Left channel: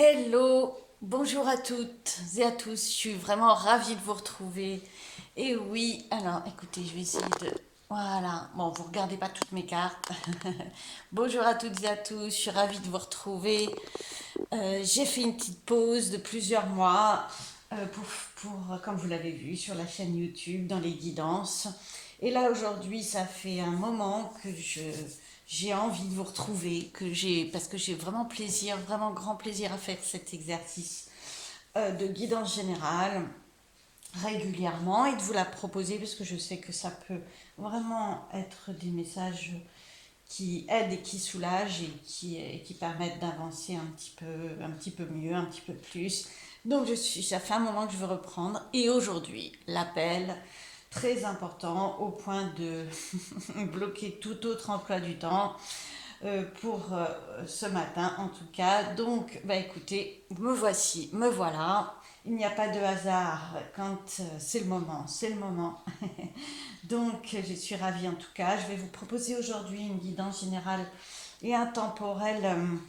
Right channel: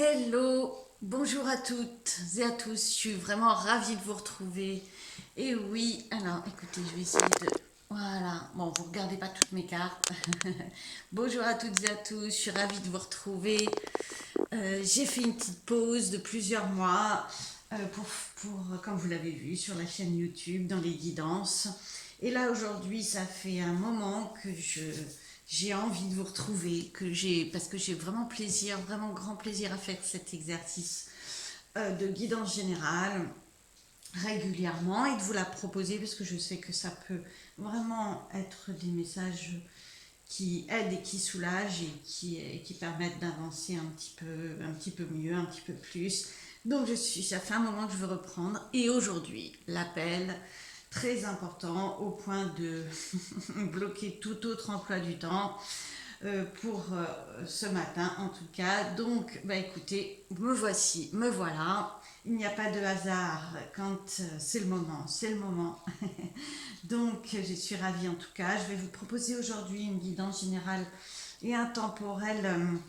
Hello, bonjour à toutes et à tous, je suis vraiment ravie de vous retrouver. Et oui, alors écoutez, je vais essayer de... Voilà, bon, vous regardez pas toutes mes cartes. Bonjour à toutes et à tous, je suis ravie de vous retrouver. J'ai fait une petite pause de plusieurs mois comme vous l'avez vu, sur la chaîne YouTube, dans les guidances. Et là, aujourd'hui, ça fait un moment que j'ai envie de vous retrouver, parce que j'ai vraiment plaisir, vraiment grand plaisir à faire cet exercice de guidance générale régulièrement et de vous la proposer parce que je sais que ça peut vraiment être des messages qui aident et qui soulagent et qui permettent d'avancer un petit peu mieux, un petit peu plus. Donc ça fait un moment que je veux reprendre et aujourd'hui l'appel très important au point de bloquer tout autre emploi du temps pour ce matin en tout cas. Donc bah écoutez, me voici, me voilà. Il n'y a pas de hasard quand c'est le moment, c'est le moment. Donc je suis ravie en tout cas. Je vais vous proposer aujourd'hui une guidance générale et intemporelle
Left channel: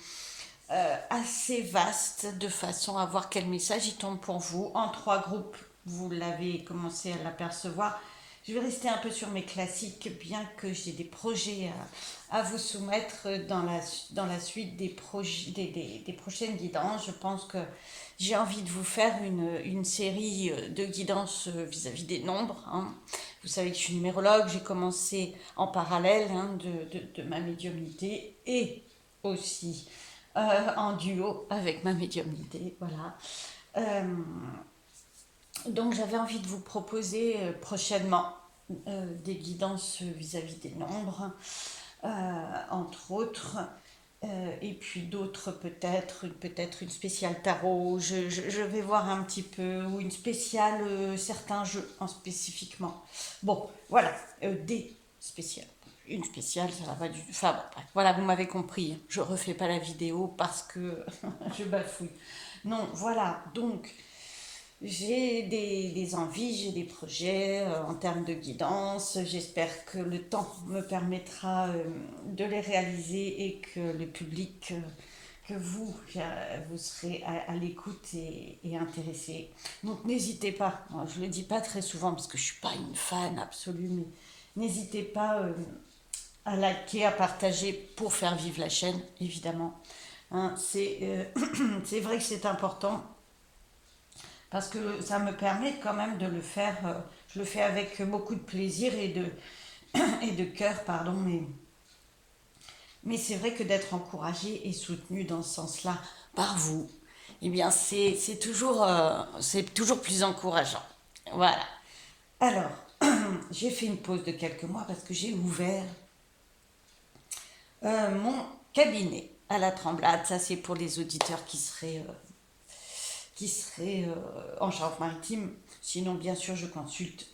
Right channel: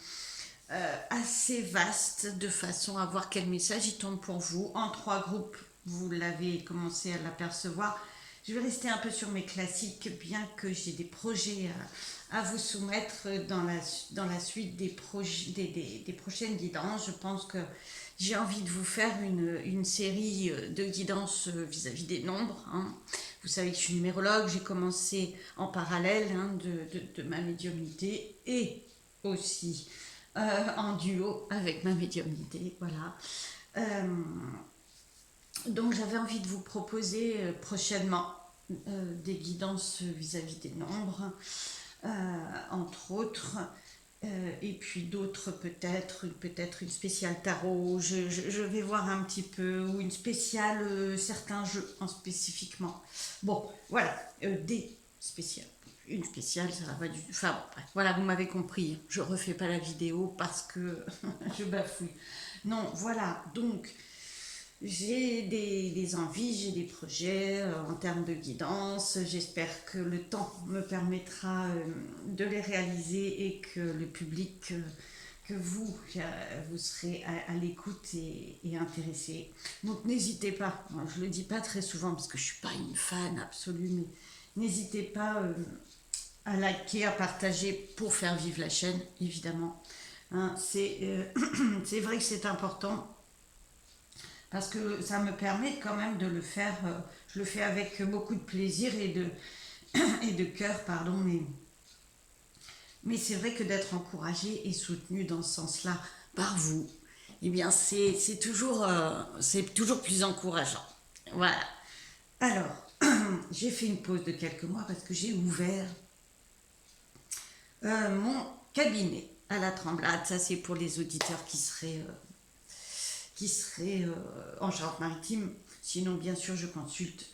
assez vaste de façon à voir quel message il tombe pour vous en trois groupes. Vous l'avez commencé à l'apercevoir. Je vais rester un peu sur mes classiques, bien que j'ai des projets à vous soumettre dans la suite des prochaines guidances. Je pense que j'ai envie de vous faire une série de guidances vis-à-vis des nombres. Hein. Vous savez que je suis numérologue, j'ai commencé en parallèle de ma médiumnité et aussi en duo avec ma médiumnité. Voilà. Euh, donc j'avais envie de vous proposer prochainement des guidances vis-à-vis des nombres, entre autres, et puis d'autres peut-être une spéciale tarot. Je vais voir un petit peu, ou une spéciale certains jeux en spécifiquement. Bon, voilà, des spéciales. Une spéciale, ça va pas du... Enfin bon, bref, voilà, vous m'avez compris. Je refais pas la vidéo parce que je bafouille. Non, voilà, donc j'ai des envies, j'ai des projets en termes de guidance. J'espère que le temps me permettra de les réaliser et que le public, que vous serez à l'écoute et intéressé. Donc n'hésitez pas, je ne le dis pas très souvent parce que je ne suis pas une fan absolue, mais n'hésitez pas à liker, à partager pour faire vivre la chaîne, évidemment. Hein, c'est vrai que c'est important parce que ça me permet quand même de le faire. Je le fais avec beaucoup de plaisir et de cœur, pardon, mais c'est vrai que d'être encouragé et soutenu dans ce sens-là par vous, eh bien c'est toujours plus encourageant. Voilà. Alors, j'ai fait une pause de quelques mois parce que j'ai ouvert mon cabinet à la Tremblade. Ça, c'est pour les auditeurs qui seraient en Charente-Maritime. Sinon, bien sûr, je consulte.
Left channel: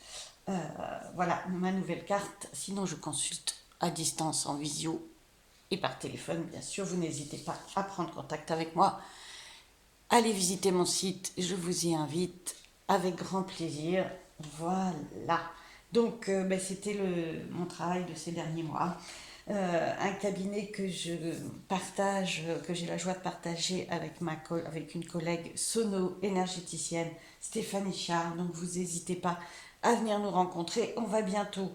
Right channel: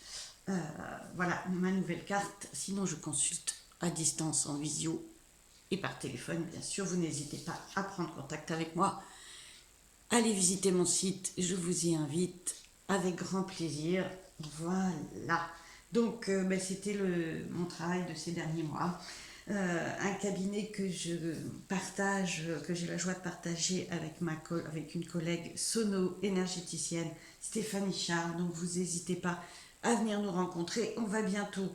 Voilà, ma nouvelle carte. Sinon, je consulte à distance, en visio et par téléphone, bien sûr. Vous n'hésitez pas à prendre contact avec moi. Allez visiter mon site, je vous y invite avec grand plaisir. Voilà. Donc, c'était mon travail de ces derniers mois. Un cabinet que je partage, que j'ai la joie de partager avec une collègue sono-énergéticienne, Stéphanie Char. Donc vous n'hésitez pas à venir nous rencontrer. On va bientôt,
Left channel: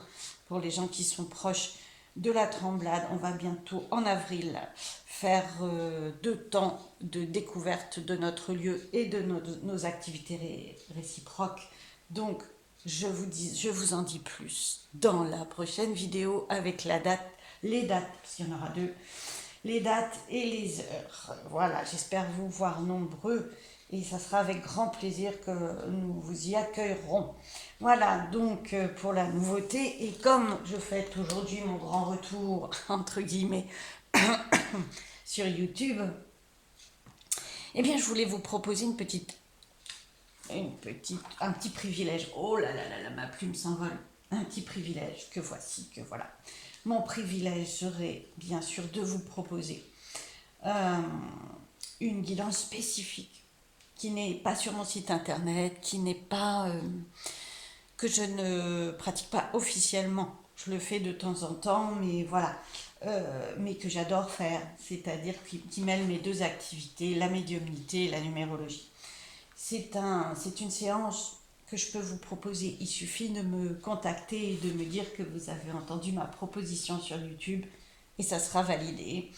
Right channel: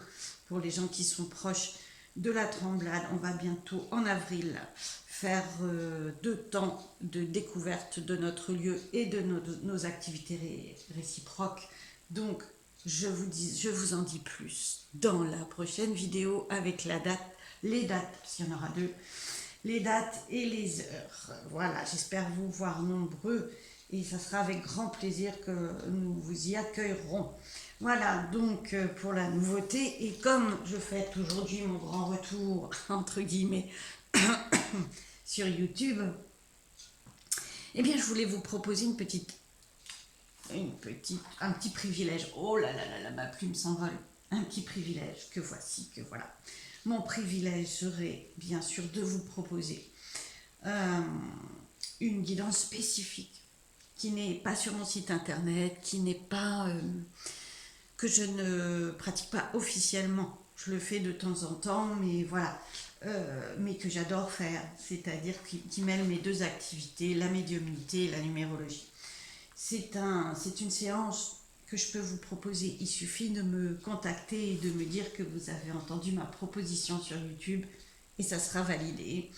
pour les gens qui sont proches de la Tremblade, on va bientôt en avril faire 2 temps de découverte de notre lieu et de nos activités réciproques. Donc je vous en dis plus dans la prochaine vidéo avec les dates, parce qu'il y en aura 2, les dates et les heures. Voilà, j'espère vous voir nombreux et ça sera avec grand plaisir que nous vous y accueillerons. Voilà, donc pour la nouveauté, et comme je fête aujourd'hui mon grand retour, entre guillemets, sur YouTube, eh bien je voulais vous proposer un petit privilège. Oh là là là là, ma plume s'envole. Un petit privilège que voici, que voilà. Mon privilège serait bien sûr de vous proposer euh, une guidance spécifique qui n'est pas sur mon site internet, qui n'est pas que je ne pratique pas officiellement. Je le fais de temps en temps, mais voilà. mais que j'adore faire, c'est-à-dire qui mêle mes deux activités, la médiumnité et la numérologie. C'est une séance que je peux vous proposer. Il suffit de me contacter et de me dire que vous avez entendu ma proposition sur YouTube et ça sera validé.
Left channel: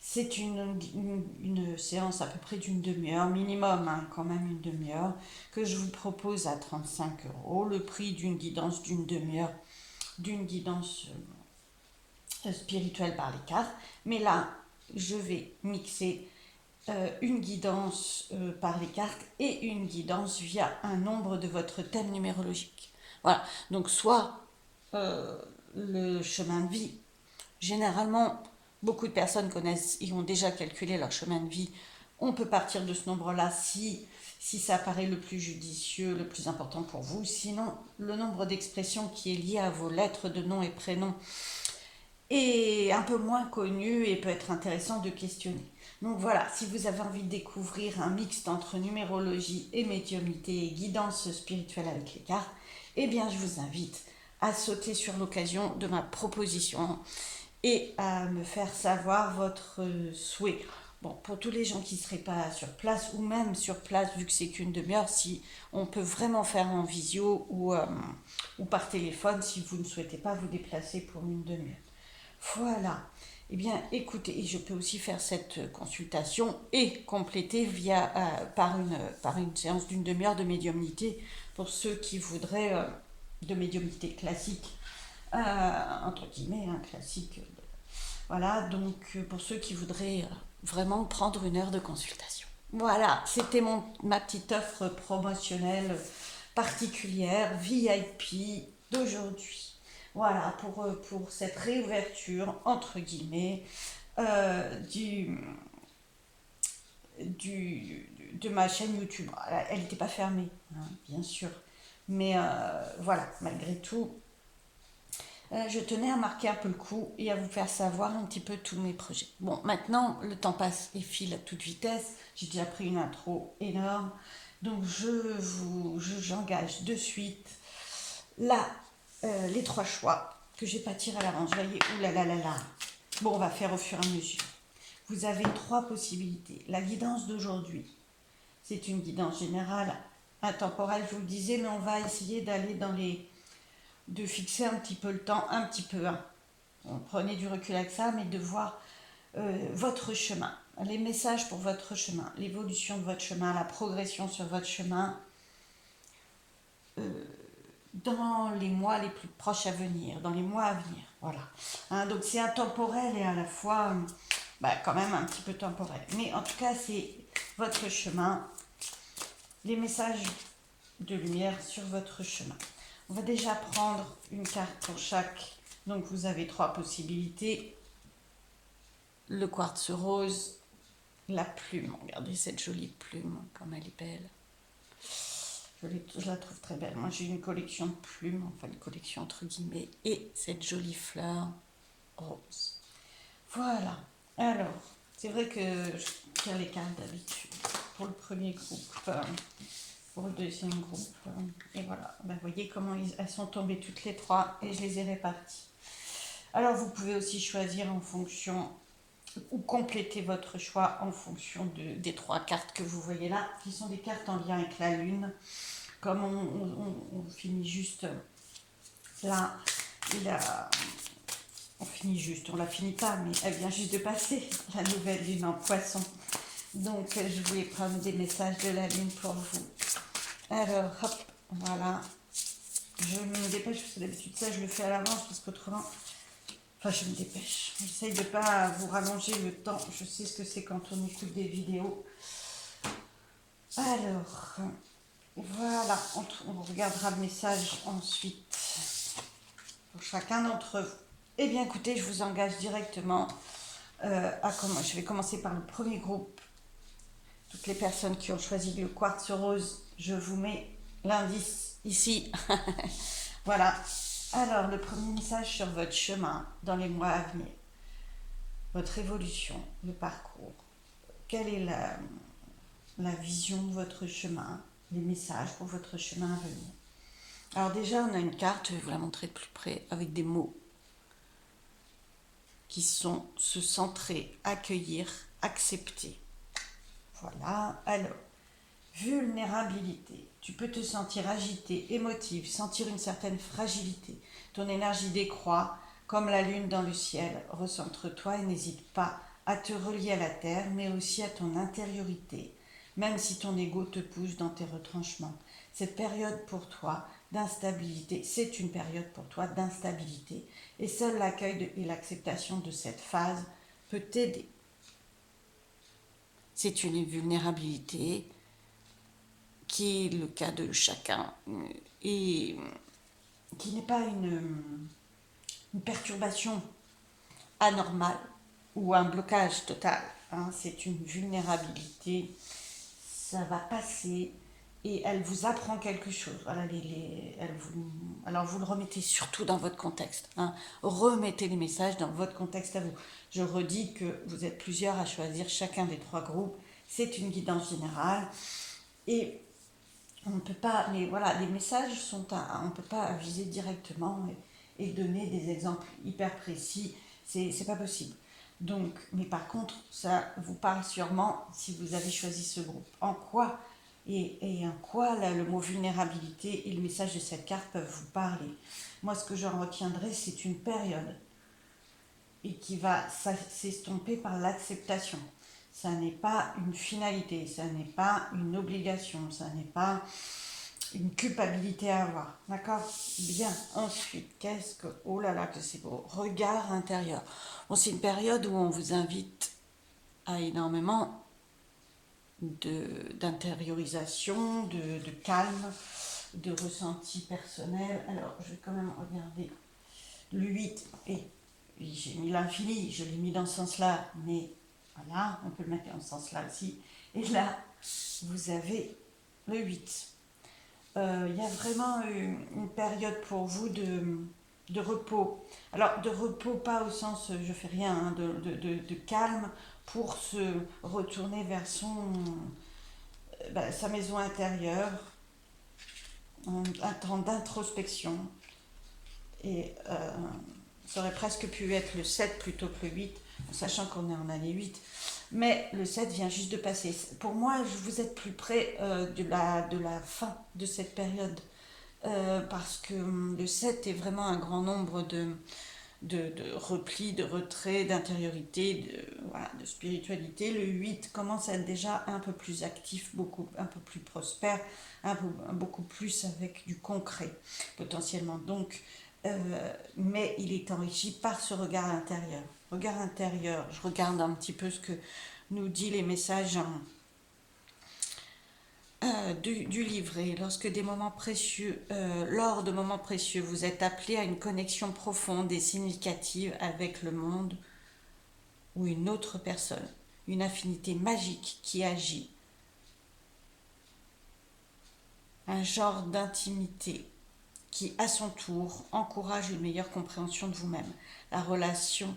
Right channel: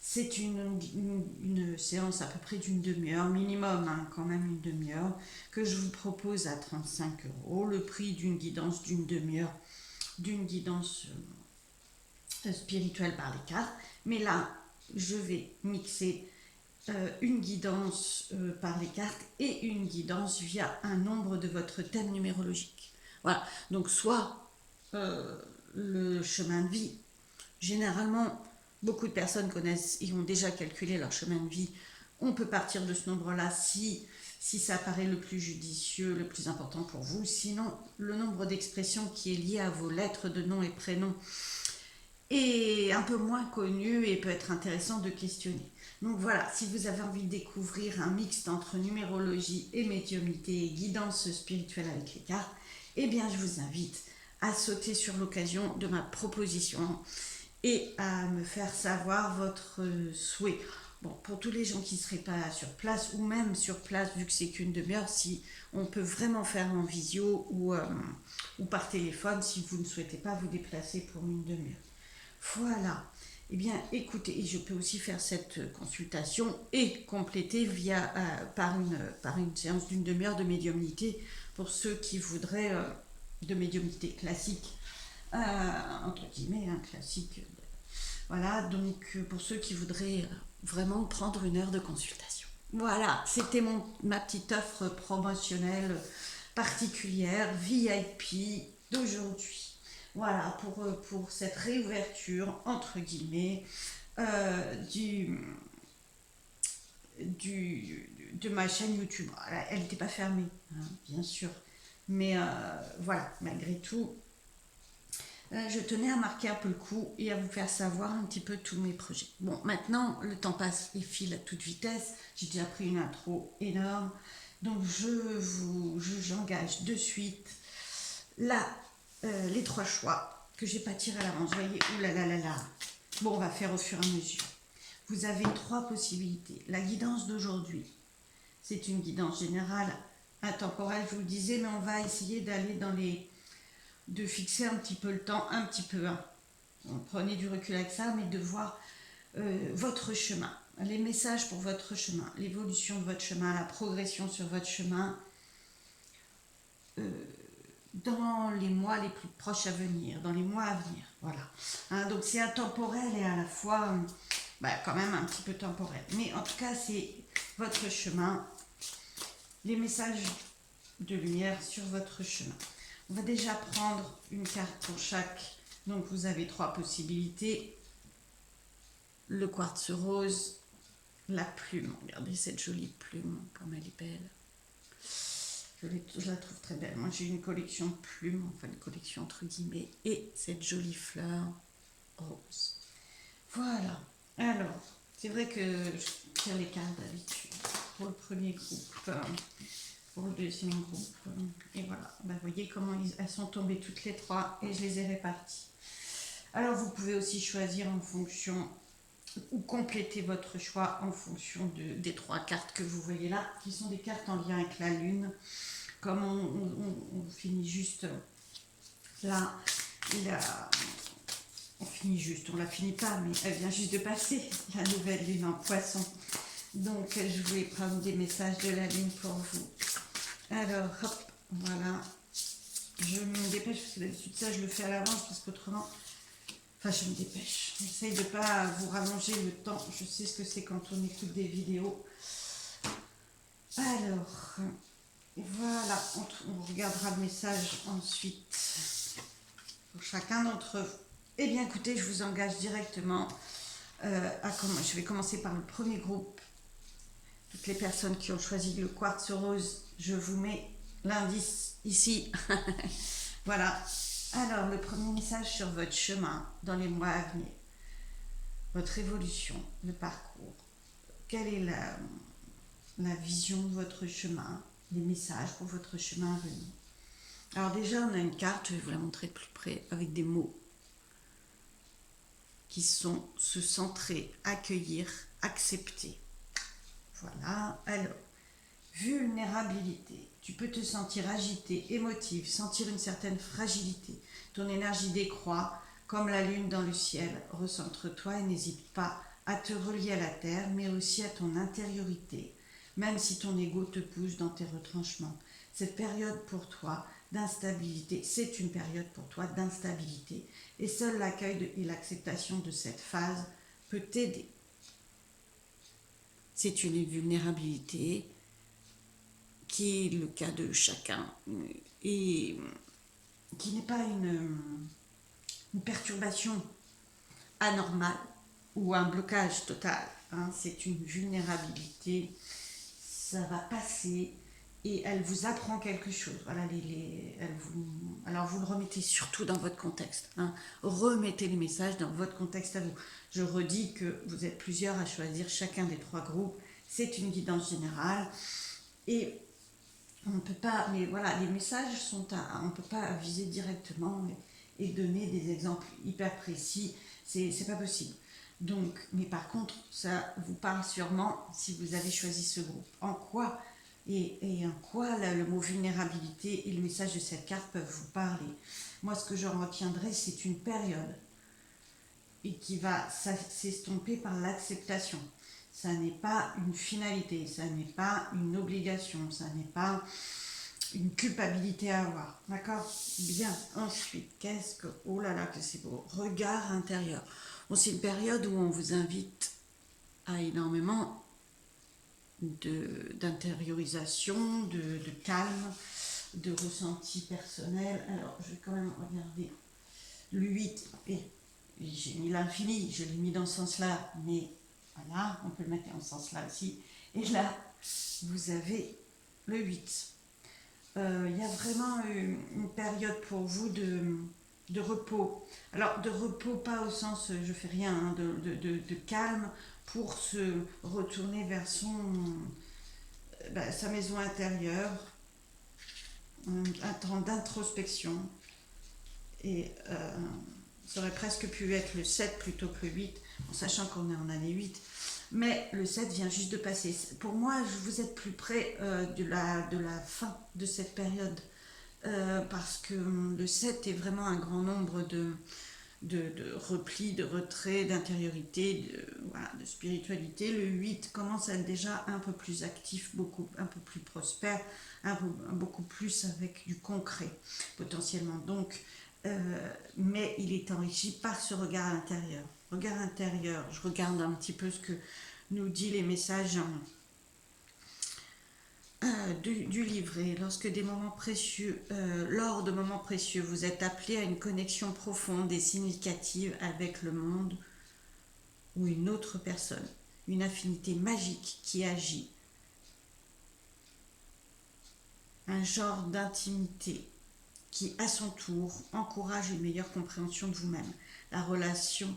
C'est une séance à peu près d'une demi-heure, minimum, hein, quand même une demi-heure, que je vous propose à 35 €, le prix d'une guidance d'une demi-heure, d'une guidance spirituelle par les cartes. Mais là, je vais mixer une guidance par les cartes et une guidance via un nombre de votre thème numérologique. Voilà, donc soit le chemin de vie. Généralement, beaucoup de personnes connaissent et ont déjà calculé leur chemin de vie. On peut partir de ce nombre-là si ça paraît le plus judicieux, le plus important pour vous. Sinon, le nombre d'expressions qui est lié à vos lettres de nom et prénom est un peu moins connu et peut être intéressant de questionner. Donc voilà, si vous avez envie de découvrir un mixte entre numérologie et médiumnité et guidance spirituelle avec les cartes, eh bien je vous invite à sauter sur l'occasion de ma proposition et à me faire savoir votre souhait. Bon, pour tous les gens qui ne seraient pas sur place, ou même sur place, vu que c'est qu'une demi-heure, si on peut vraiment faire en visio ou par téléphone, si vous ne souhaitez pas vous déplacer pour une demi-heure. Voilà. Eh bien, écoutez, et je peux aussi faire cette consultation et compléter par une séance d'une demi-heure de médiumnité pour ceux qui voudraient de médiumnité classique, entre guillemets, classique. Voilà, donc pour ceux qui voudraient vraiment prendre une heure de consultation. Voilà, c'était ma petite offre promotionnelle particulière, VIP d'aujourd'hui. Voilà, pour cette réouverture, entre guillemets, de ma chaîne YouTube. Elle n'était pas fermée, hein, bien sûr. Mais voilà, malgré tout, je tenais à marquer un peu le coup et à vous faire savoir un petit peu tous mes projets. Bon, maintenant, le temps passe et file à toute vitesse. J'ai déjà pris une intro énorme. Donc, j'engage de suite les 3 choix que j'ai pas tiré à l'avance. Vous voyez, oulalalala. Bon, on va faire au fur et à mesure. Vous avez 3 possibilités. La guidance d'aujourd'hui, c'est une guidance générale, intemporelle, je vous le disais, mais on va essayer d'aller de fixer un petit peu le temps, un petit peu. Hein. Prenez du recul avec ça, mais de voir votre chemin, les messages pour votre chemin, l'évolution de votre chemin, la progression sur votre chemin dans les mois les plus proches à venir, dans les mois à venir. Voilà. Hein, donc c'est intemporel et à la fois quand même un petit peu temporel. Mais en tout cas, c'est votre chemin, les messages de lumière sur votre chemin. On va déjà prendre une carte pour chaque. Donc vous avez 3 possibilités. Le quartz rose, la plume. Regardez cette jolie plume, comme elle est belle. Je la trouve très belle. Moi j'ai une collection de plumes, enfin une collection entre guillemets, et cette jolie fleur rose. Voilà. Alors, c'est vrai que je tire les cartes d'habitude pour le premier groupe. Pour le deuxième groupe. Et voilà, vous voyez comment elles sont tombées toutes les 3 et je les ai réparties. Alors vous pouvez aussi choisir en fonction ou compléter votre choix en fonction des 3 cartes que vous voyez là, qui sont des cartes en lien avec la lune. Comme on finit juste là, on finit juste, on la finit pas, mais elle vient juste de passer, la nouvelle lune en poisson. Donc je voulais prendre des messages de la lune pour vous. Alors, hop, voilà. Je me dépêche, parce que d'habitude ça je le fais à l'avance, parce qu'autrement... Enfin, je me dépêche. J'essaye de ne pas vous rallonger le temps. Je sais ce que c'est quand on écoute des vidéos. Alors, voilà. On regardera le message ensuite pour chacun d'entre vous. Eh bien, écoutez, je vous engage directement je vais commencer par le premier groupe. Toutes les personnes qui ont choisi le quartz rose, je vous mets l'indice ici. Voilà. Alors, le premier message sur votre chemin dans les mois à venir. Votre évolution, le parcours. Quelle est la vision de votre chemin, les messages pour votre chemin à venir. Alors déjà, on a une carte, je vais vous la montrer de plus près, avec des mots qui sont se centrer, accueillir, accepter. Voilà, alors, vulnérabilité. Tu peux te sentir agité, émotive, sentir une certaine fragilité. Ton énergie décroît comme la lune dans le ciel. Recentre-toi et n'hésite pas à te relier à la terre, mais aussi à ton intériorité, même si ton ego te pousse dans tes retranchements. Cette période pour toi d'instabilité, c'est une période pour toi d'instabilité. Et seul l'accueil et l'acceptation de cette phase peut t'aider. C'est une vulnérabilité qui est le cas de chacun et qui n'est pas une perturbation anormale ou un blocage total. Hein. C'est une vulnérabilité, ça va passer et elle vous apprend quelque chose. Voilà, alors vous le remettez surtout dans votre contexte. Hein. Remettez les messages dans votre contexte à vous. Je redis que vous êtes plusieurs à choisir chacun des 3 groupes. C'est une guidance générale et on ne peut pas, mais voilà, les messages sont on ne peut pas viser directement et donner des exemples hyper précis, c'est pas possible. Donc, mais par contre, ça vous parle sûrement si vous avez choisi ce groupe. En quoi et en quoi le mot vulnérabilité et le message de cette carte peuvent vous parler. Moi, ce que j'en retiendrai, c'est une période et qui va s'estomper par l'acceptation. Ça n'est pas une finalité, ça n'est pas une obligation, ça n'est pas une culpabilité à avoir. D'accord? Bien. Ensuite, qu'est-ce que... Oh là là, que c'est beau. Regard intérieur. Bon, c'est une période où on vous invite à énormément d'intériorisation, de calme, de ressenti personnel. Alors, je vais quand même regarder le 8. Et j'ai mis l'infini, je l'ai mis dans ce sens-là, mais voilà, on peut le mettre dans ce sens-là aussi. Et là, vous avez le 8. Il y a vraiment une période pour vous de repos. Alors, de repos, pas au sens je fais rien, hein, de calme pour se retourner vers sa maison intérieure, un temps d'introspection. Et ça aurait presque pu être le 7 plutôt que le 8, en sachant qu'on est en année 8. Mais le 7 vient juste de passer. Pour moi, vous êtes plus près de la fin de cette période. Parce que le 7 est vraiment un grand nombre de repli, de retrait, d'intériorité, de spiritualité. Le 8 commence à être déjà un peu plus actif, un peu plus prospère, beaucoup plus avec du concret potentiellement. Donc, mais il est enrichi par ce regard intérieur. Regard intérieur, je regarde un petit peu ce que nous dit les messages du livret. Lorsque des moments précieux, lors de moments précieux, vous êtes appelé à une connexion profonde et significative avec le monde ou une autre personne, une affinité magique qui agit, un genre d'intimité qui, à son tour, encourage une meilleure compréhension de vous-même. La relation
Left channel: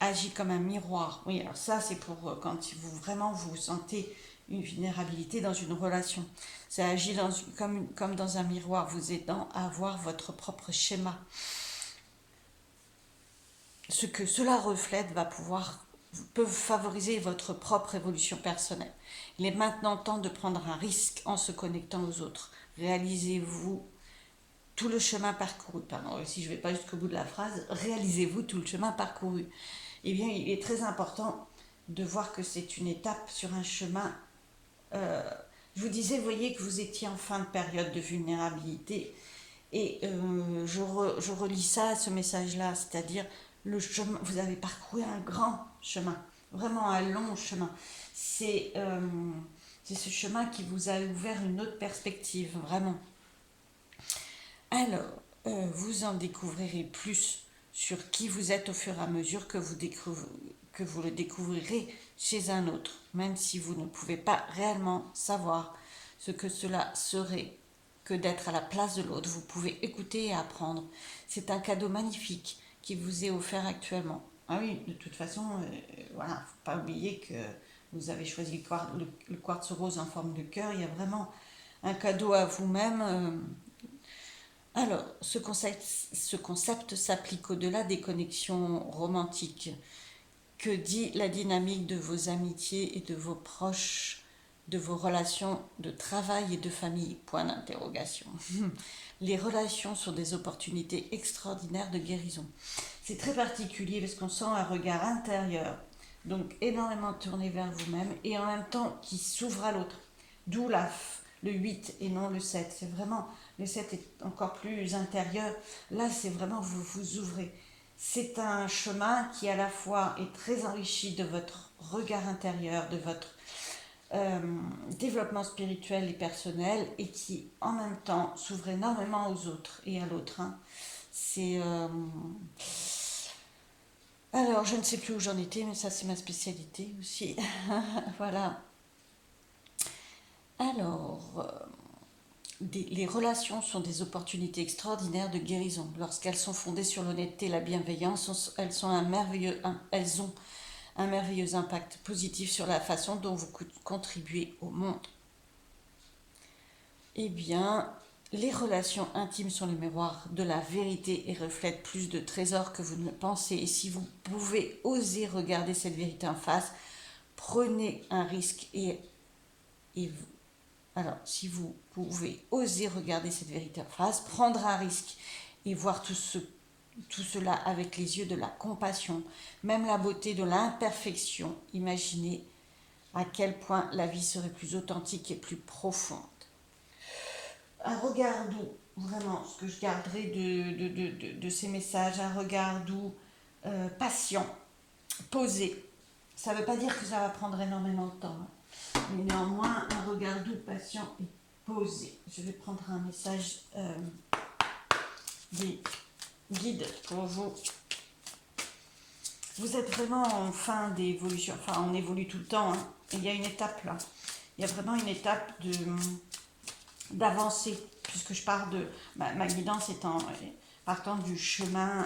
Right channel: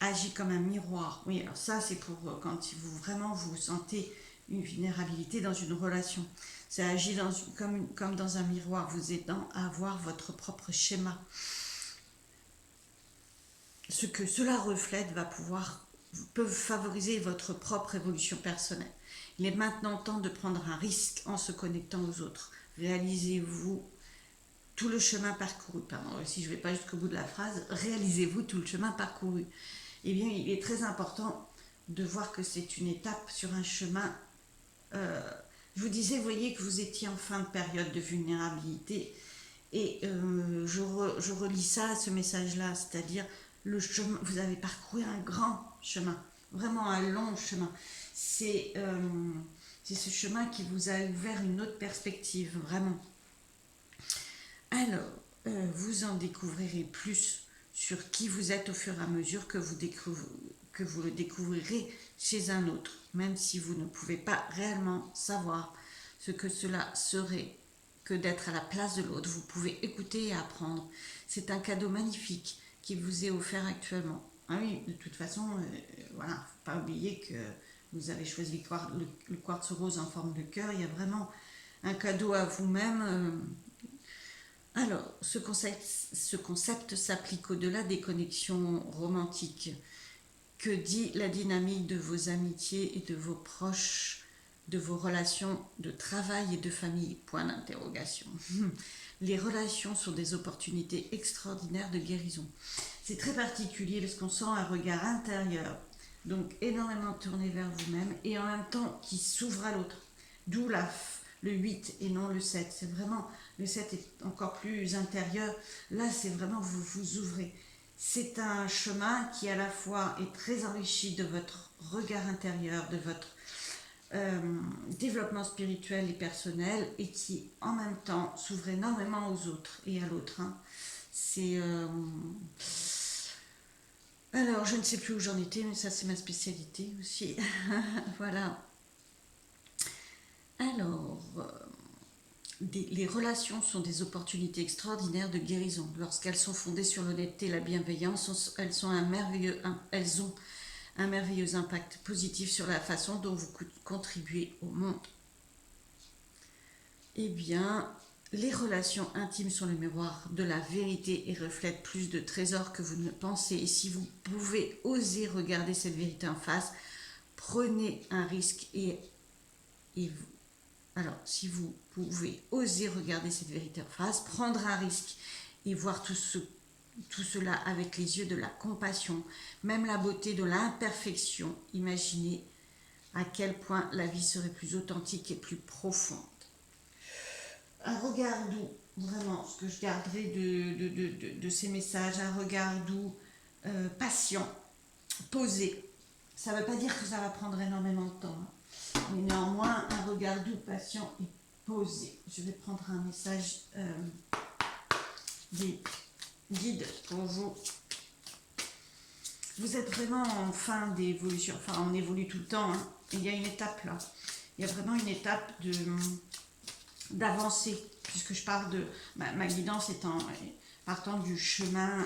agit comme un miroir. Oui, alors ça, c'est pour quand vous vraiment vous sentez une vulnérabilité dans une relation. Ça agit comme dans un miroir, vous aidant à avoir votre propre schéma. Ce que cela reflète peut favoriser votre propre évolution personnelle. Il est maintenant temps de prendre un risque en se connectant aux autres. Réalisez-vous tout le chemin parcouru. Pardon, si je ne vais pas jusqu'au bout de la phrase, réalisez-vous tout le chemin parcouru. Eh bien, il est très important de voir que c'est une étape sur un chemin. Je vous disais, vous voyez que vous étiez en fin de période de vulnérabilité et je relis ça à ce message-là, c'est-à-dire le chemin, vous avez parcouru un grand chemin, vraiment un long chemin. C'est ce chemin qui vous a ouvert une autre perspective, vraiment. Alors, vous en découvrirez plus sur qui vous êtes au fur et à mesure que vous le découvrirez chez un autre, même si vous ne pouvez pas réellement savoir ce que cela serait que d'être à la place de l'autre. Vous pouvez écouter et apprendre. C'est un cadeau magnifique qui vous est offert actuellement. Ah oui, de toute façon, voilà, faut pas oublier que vous avez choisi le quartz rose en forme de cœur. Il y a vraiment un cadeau à vous-même, Alors, ce concept s'applique au-delà des connexions romantiques. Que dit la dynamique de vos amitiés et de vos proches, de vos relations de travail et de famille? Point d'interrogation. Les relations sont des opportunités extraordinaires de guérison. C'est très particulier parce qu'on sent un regard intérieur, donc énormément tourné vers vous-même et en même temps qui s'ouvre à l'autre. D'où le 8 et non le 7. C'est vraiment, le 7 est encore plus intérieur. Là, c'est vraiment vous vous ouvrez. C'est un chemin qui à la fois est très enrichi de votre regard intérieur, de votre développement spirituel et personnel et qui en même temps s'ouvre énormément aux autres et à l'autre. Hein. C'est... Alors, je ne sais plus où j'en étais, mais ça c'est ma spécialité aussi. Voilà. Alors, les relations sont des opportunités extraordinaires de guérison. Lorsqu'elles sont fondées sur l'honnêteté et la bienveillance, elles ont un merveilleux impact positif sur la façon dont vous contribuez au monde. Eh bien, les relations intimes sont le miroir de la vérité et reflètent plus de trésors que vous ne pensez. Et si vous pouvez oser regarder cette vérité en face, prenez un risque alors, si vous pouvez oser regarder cette vérité en face, prendre un risque et voir tout cela avec les yeux de la compassion, même la beauté de l'imperfection, imaginez à quel point la vie serait plus authentique et plus profonde. Un regard doux, vraiment, ce que je garderai de ces messages, un regard doux, patient, posé. Ça ne veut pas dire que ça va prendre énormément de temps, hein. Mais néanmoins, un regard doux, patient et posé. Je vais prendre un message des guides pour vous. Vous êtes vraiment en fin d'évolution. Enfin, on évolue tout le temps. Hein. Il y a une étape là. Il y a vraiment une étape d'avancer. Puisque je pars de ma guidance partant du chemin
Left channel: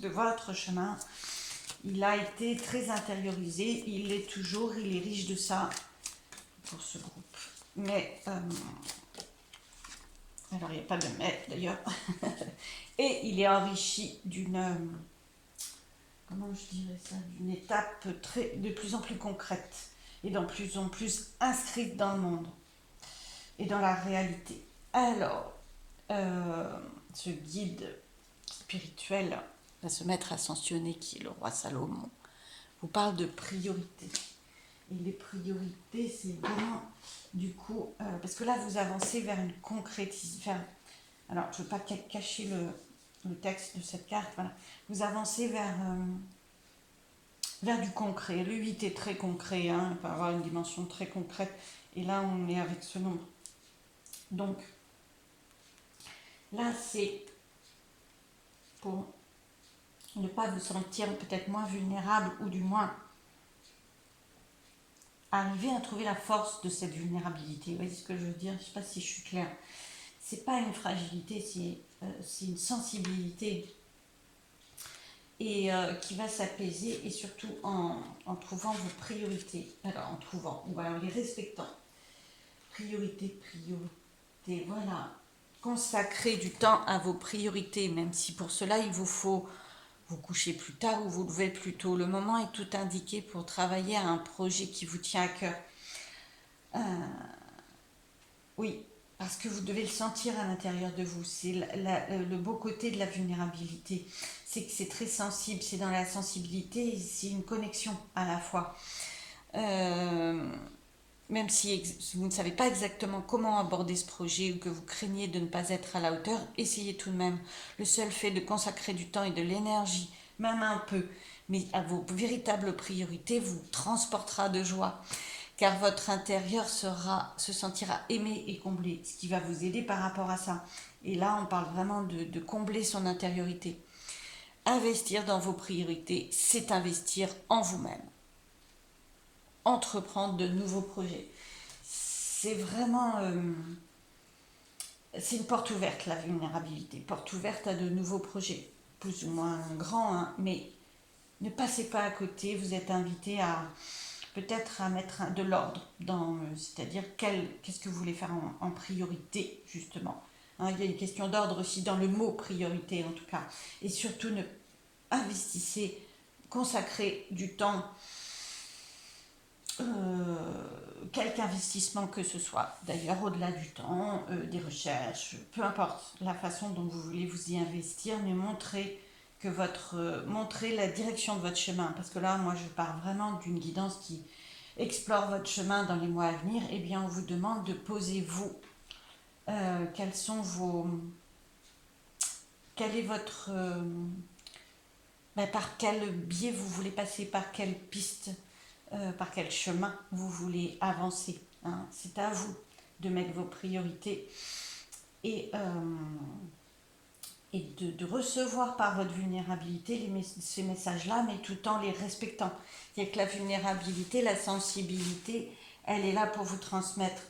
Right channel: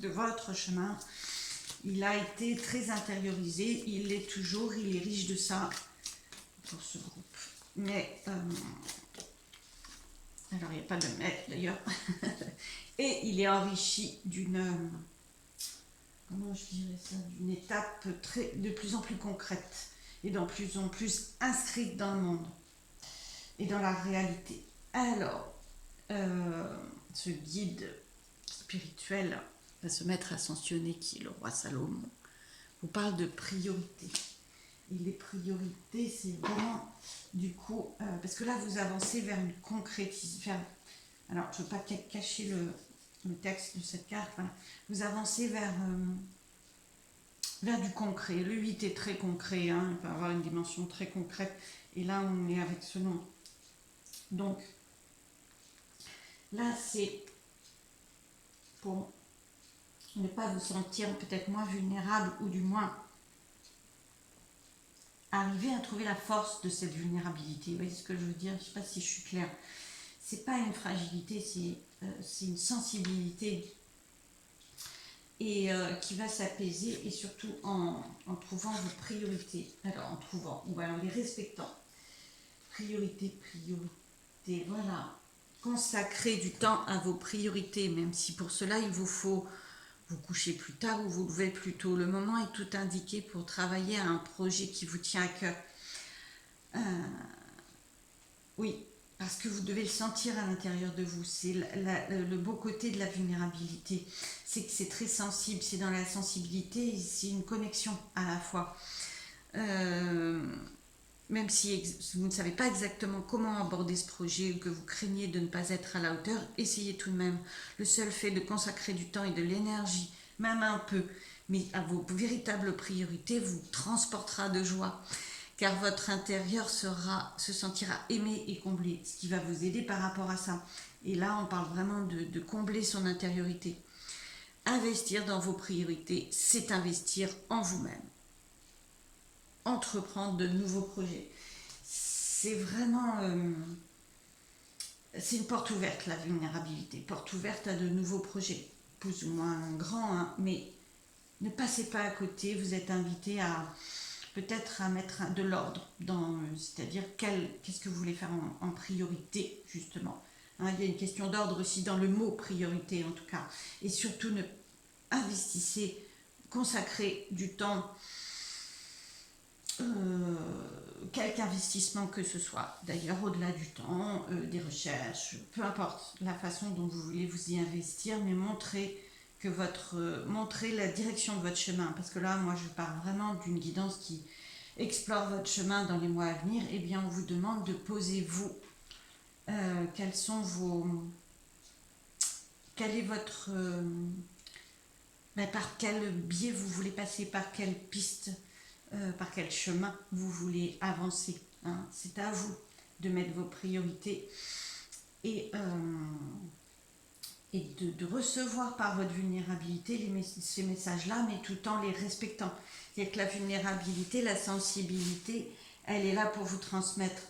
de votre chemin. Il a été très intériorisé, il l'est toujours, il est riche de ça pour ce groupe. Mais, alors il n'y a pas de mais d'ailleurs, et il est enrichi d'une, comment je dirais ça, d'une étape de plus en plus concrète et de plus en plus inscrite dans le monde et dans la réalité. Alors, ce guide spirituel, ce maître ascensionné qui est le roi Salomon, vous parle de priorité. Et les priorités, c'est vraiment, du coup, parce que là, vous avancez vers une concrétisation. Alors, je ne veux pas cacher le texte de cette carte, voilà. Vous avancez vers du concret. Le 8 est très concret, hein, il peut avoir une dimension très concrète. Et là, on est avec ce nombre. Donc, là, c'est pour ne pas vous sentir peut-être moins vulnérable ou du moins arriver à trouver la force de cette vulnérabilité. Vous voyez ce que je veux dire? Je ne sais pas si je suis claire. C'est pas une fragilité, c'est une sensibilité et qui va s'apaiser et surtout en trouvant vos priorités. Alors en trouvant ou en les respectant. Priorité, voilà. Consacrez du temps à vos priorités, même si pour cela il vous faut vous coucher plus tard ou vous lever plus tôt. Le moment est tout indiqué pour travailler à un projet qui vous tient à cœur. Oui, parce que vous devez le sentir à l'intérieur de vous. C'est le beau côté de la vulnérabilité. C'est que c'est très sensible, c'est dans la sensibilité, c'est une connexion à la fois. Même si vous ne savez pas exactement comment aborder ce projet ou que vous craignez de ne pas être à la hauteur, essayez tout de même. Le seul fait de consacrer du temps et de l'énergie, même un peu, mais à vos véritables priorités, vous transportera de joie. Car votre intérieur se sentira aimé et comblé, ce qui va vous aider par rapport à ça. Et là, on parle vraiment de combler son intériorité. Investir dans vos priorités, c'est investir en vous-même. Entreprendre de nouveaux projets. C'est vraiment... c'est une porte ouverte, la vulnérabilité. Porte ouverte à de nouveaux projets, plus ou moins grands, hein, mais ne passez pas à côté. Vous êtes invité à peut-être à mettre de l'ordre, c'est-à-dire qu'est-ce que vous voulez faire en priorité, justement. Hein, il y a une question d'ordre aussi dans le mot priorité en tout cas. Et surtout, investissez, consacrez du temps, quelque investissement que ce soit. D'ailleurs, au-delà du temps, des recherches, peu importe la façon dont vous voulez vous y investir, mais montrez la direction de votre chemin. Parce que là, moi, je parle vraiment d'une guidance qui explore votre chemin dans les mois à venir. Eh bien, on vous demande de poser vous. Quels sont vos... Quel est votre... par quel biais vous voulez passer, par quelle piste, par quel chemin vous voulez avancer. Hein. C'est à vous de mettre vos priorités et de recevoir par votre vulnérabilité ces messages-là, mais tout en les respectant. C'est-à-dire que la vulnérabilité, la sensibilité, elle est là pour vous transmettre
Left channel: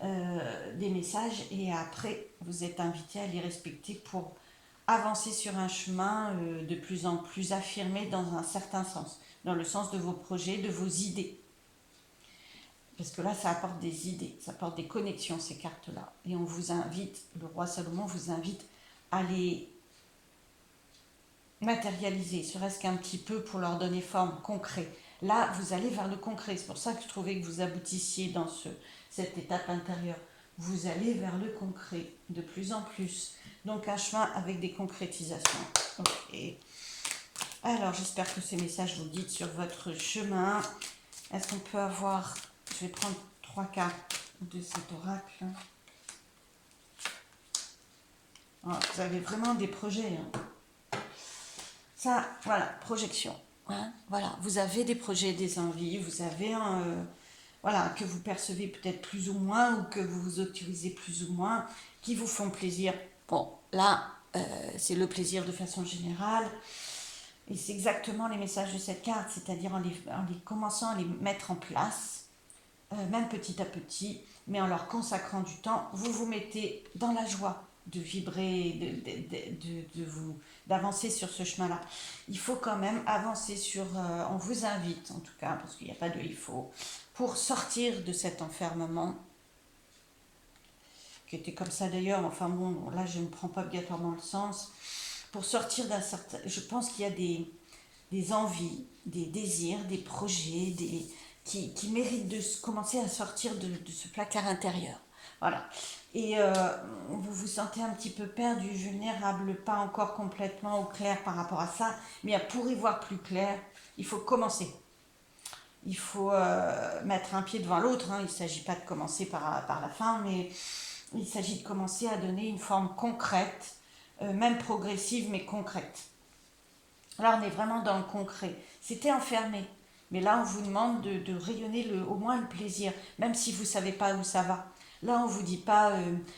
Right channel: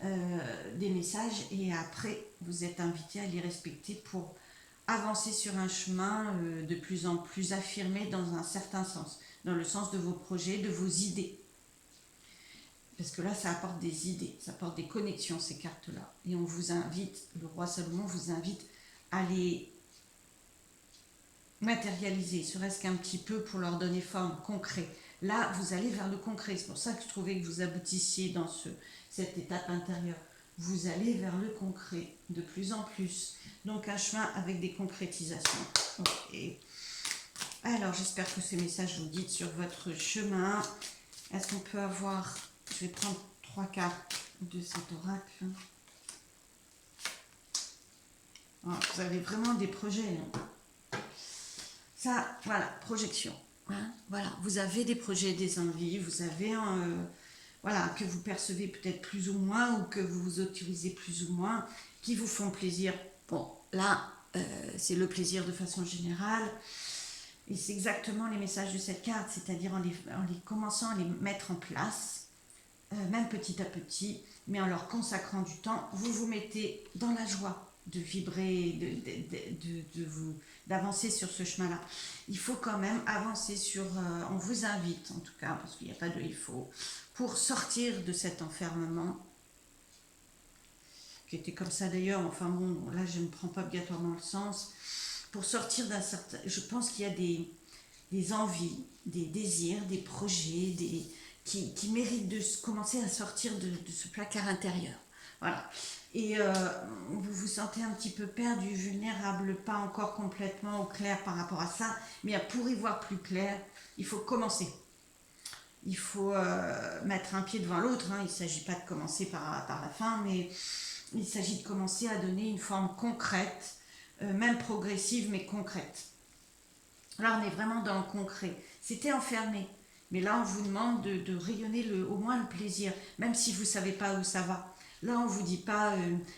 des messages et après, vous êtes invité à les respecter pour avancer sur un chemin de plus en plus affirmé dans un certain sens, dans le sens de vos projets, de vos idées. Parce que là, ça apporte des idées, ça apporte des connexions, ces cartes-là. Et on vous invite, le roi Salomon vous invite à les matérialiser, serait-ce qu'un petit peu pour leur donner forme, concret. Là, vous allez vers le concret. C'est pour ça que je trouvais que vous aboutissiez dans cette étape intérieure. Vous allez vers le concret de plus en plus. Donc un chemin avec des concrétisations. Ok. Alors j'espère que ces messages vous guident sur votre chemin. Est-ce qu'on peut avoir... Je vais prendre 3 cartes de cet oracle. Ah, vous avez vraiment des projets. Hein. Ça, voilà, projection. Hein, voilà, vous avez des projets, des envies. Vous avez voilà, que vous percevez peut-être plus ou moins ou que vous vous autorisez plus ou moins, qui vous font plaisir. Bon, là, c'est le plaisir de façon générale. Et c'est exactement les messages de cette carte, c'est-à-dire en les commençant à les mettre en place, même petit à petit, mais en leur consacrant du temps, vous vous mettez dans la joie de vibrer, d'avancer sur ce chemin-là. Il faut quand même avancer sur... on vous invite, en tout cas, parce qu'il n'y a pas de il faut, pour sortir de cet enfermement, qui était comme ça d'ailleurs, enfin bon, là je ne prends pas obligatoirement le sens, pour sortir d'un certain... Je pense qu'il y a des envies, des désirs, des projets, qui méritent de commencer à sortir de ce placard intérieur. Voilà. Et vous vous sentez un petit peu perdu, vulnérable, pas encore complètement au clair par rapport à ça, mais pour y voir plus clair, il faut commencer. Il faut mettre un pied devant l'autre, hein. Il ne s'agit pas de commencer par la fin, mais il s'agit de commencer à donner une forme concrète, même progressive, mais concrète. Là, on est vraiment dans le concret. C'était enfermé, mais là, on vous demande de rayonner au moins le plaisir, même si vous ne savez pas où ça va. Là, on ne vous dit pas,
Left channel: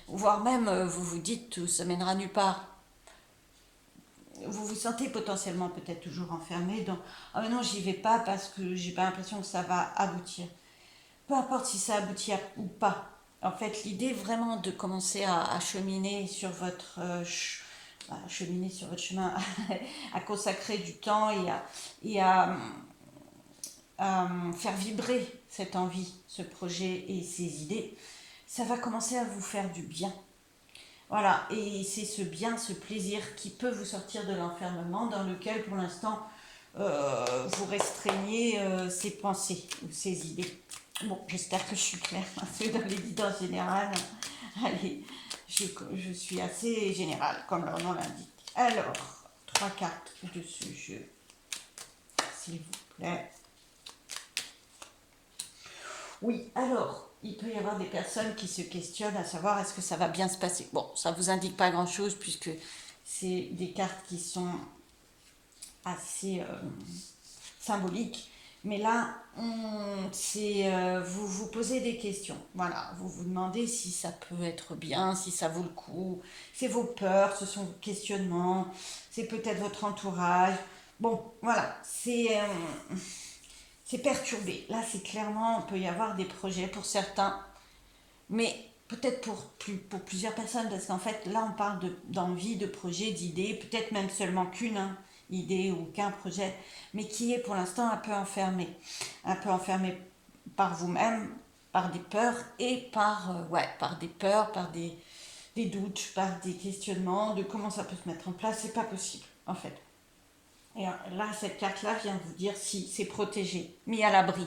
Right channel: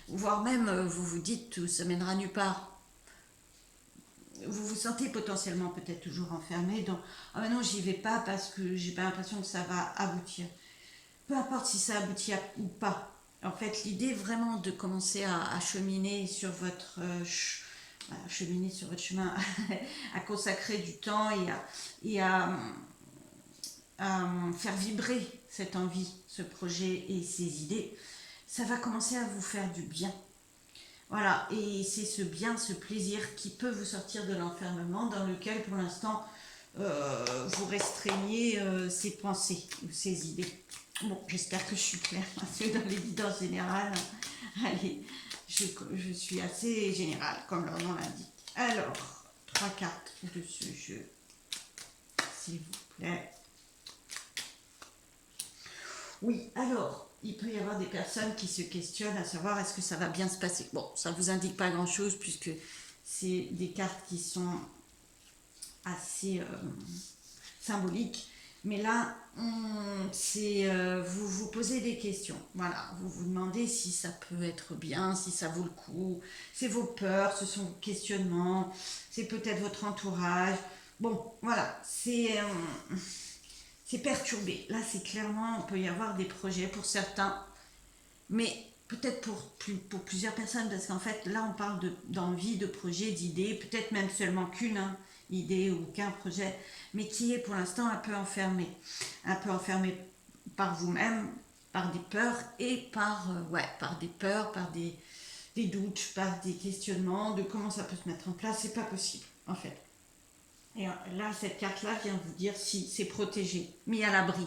voire même, vous vous dites, ça mènera nulle part. Vous vous sentez potentiellement peut-être toujours enfermé dans « Ah mais non, j'y vais pas parce que j'ai pas l'impression que ça va aboutir ». Peu importe si ça aboutit ou pas. En fait, l'idée vraiment de commencer à cheminer sur votre chemin, à consacrer du temps et à faire vibrer cette envie, ce projet et ces idées, ça va commencer à vous faire du bien. Voilà, et c'est ce bien, ce plaisir qui peut vous sortir de l'enfermement dans lequel pour l'instant vous restreignez ces pensées ou ces idées. Bon, j'espère que je suis claire, c'est dans les guidances générales. Allez, je suis assez générale, comme leur nom l'indique. Alors, 3 cartes de ce jeu, s'il vous plaît. Oui, alors, il peut y avoir des personnes qui se questionnent à savoir est-ce que ça va bien se passer. Bon, ça ne vous indique pas grand-chose puisque c'est des cartes qui sont assez symboliques. Mais là, vous vous posez des questions. Voilà, vous vous demandez si ça peut être bien, si ça vaut le coup. C'est vos peurs, ce sont vos questionnements, c'est peut-être votre entourage. Bon, voilà, c'est perturbé. Là, c'est clairement, il peut y avoir des projets pour certains, mais peut-être pour plusieurs personnes, parce qu'en fait, là, on parle d'envie, de projet, d'idées, peut-être même seulement qu'une idée ou qu'un projet, mais qui est pour l'instant un peu enfermé par vous-même, par des peurs et par des peurs, par des des doutes, par des questionnements de comment ça peut se mettre en place. C'est pas possible, en fait. Et là, cette carte-là vient vous dire si c'est protégé, mis à l'abri.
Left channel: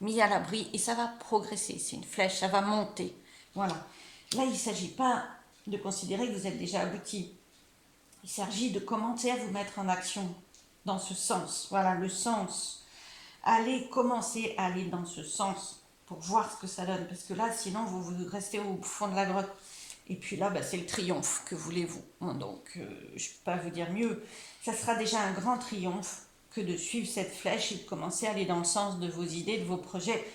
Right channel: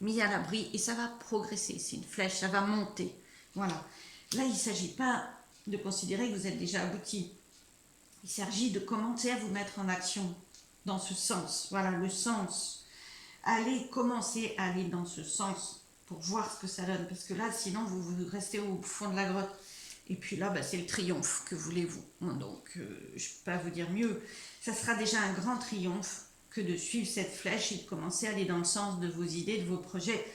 Mis à l'abri et ça va progresser. C'est une flèche, ça va monter. Voilà. Là, il ne s'agit pas de considérer que vous êtes déjà abouti. Il s'agit de commencer à vous mettre en action dans ce sens. Voilà, le sens. Allez commencer à aller dans ce sens pour voir ce que ça donne. Parce que là, sinon, vous restez au fond de la grotte. Et puis là, c'est le triomphe, que voulez-vous. Donc, je ne peux pas vous dire mieux. Ça sera déjà un grand triomphe que de suivre cette flèche et de commencer à aller dans le sens de vos idées, de vos projets,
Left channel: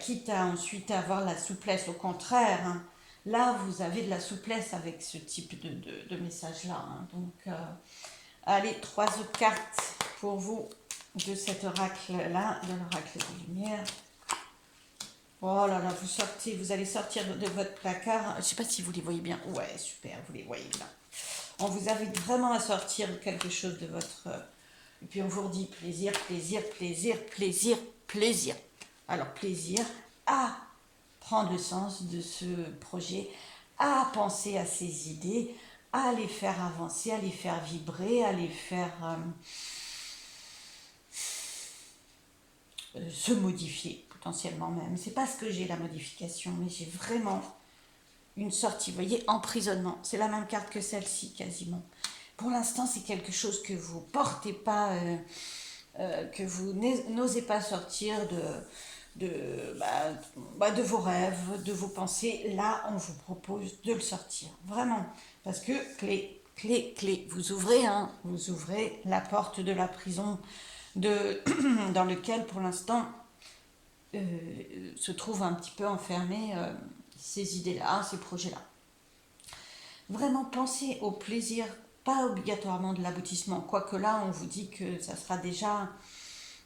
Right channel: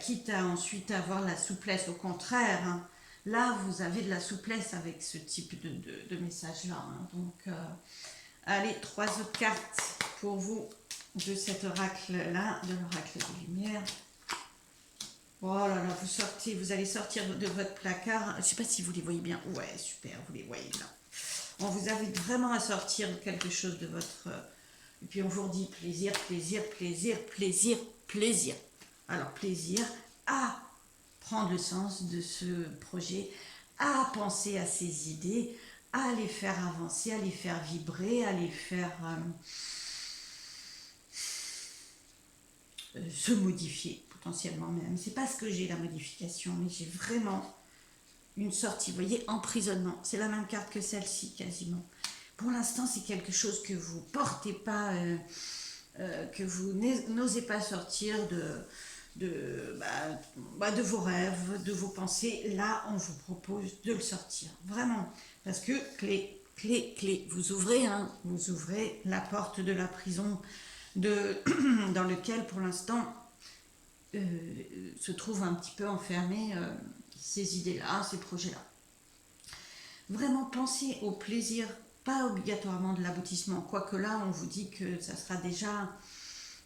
quitte à ensuite avoir la souplesse. Au contraire, hein, là, vous avez de la souplesse avec ce type de message-là. Hein. Donc, allez, 3 autres cartes pour vous de cet oracle-là, de l'oracle des Lumières. Oh là là, vous allez sortir de votre placard. Je ne sais pas si vous les voyez bien. Ouais, super, vous les voyez bien. On vous invite vraiment à sortir quelque chose de votre... Et puis on vous redit plaisir, plaisir, plaisir, plaisir, plaisir. Alors plaisir à prendre le sens de ce projet, à penser à ces idées, à les faire avancer, à les faire vibrer, à les faire se modifier potentiellement même. C'est pas ce que j'ai la modification, mais j'ai vraiment une sortie, vous voyez, emprisonnement. C'est la même carte que celle-ci quasiment. Pour l'instant, c'est quelque chose que vous portez pas, que vous n'osez pas sortir de vos rêves, de vos pensées. Là, on vous propose de le sortir, vraiment. Parce que clé, vous ouvrez la porte de la prison dans lequel, pour l'instant, se trouvent un petit peu enfermés ces idées-là, ces projets-là. Vraiment pensez au plaisir, pas obligatoirement de l'aboutissement, quoique là on vous dit que ça sera déjà,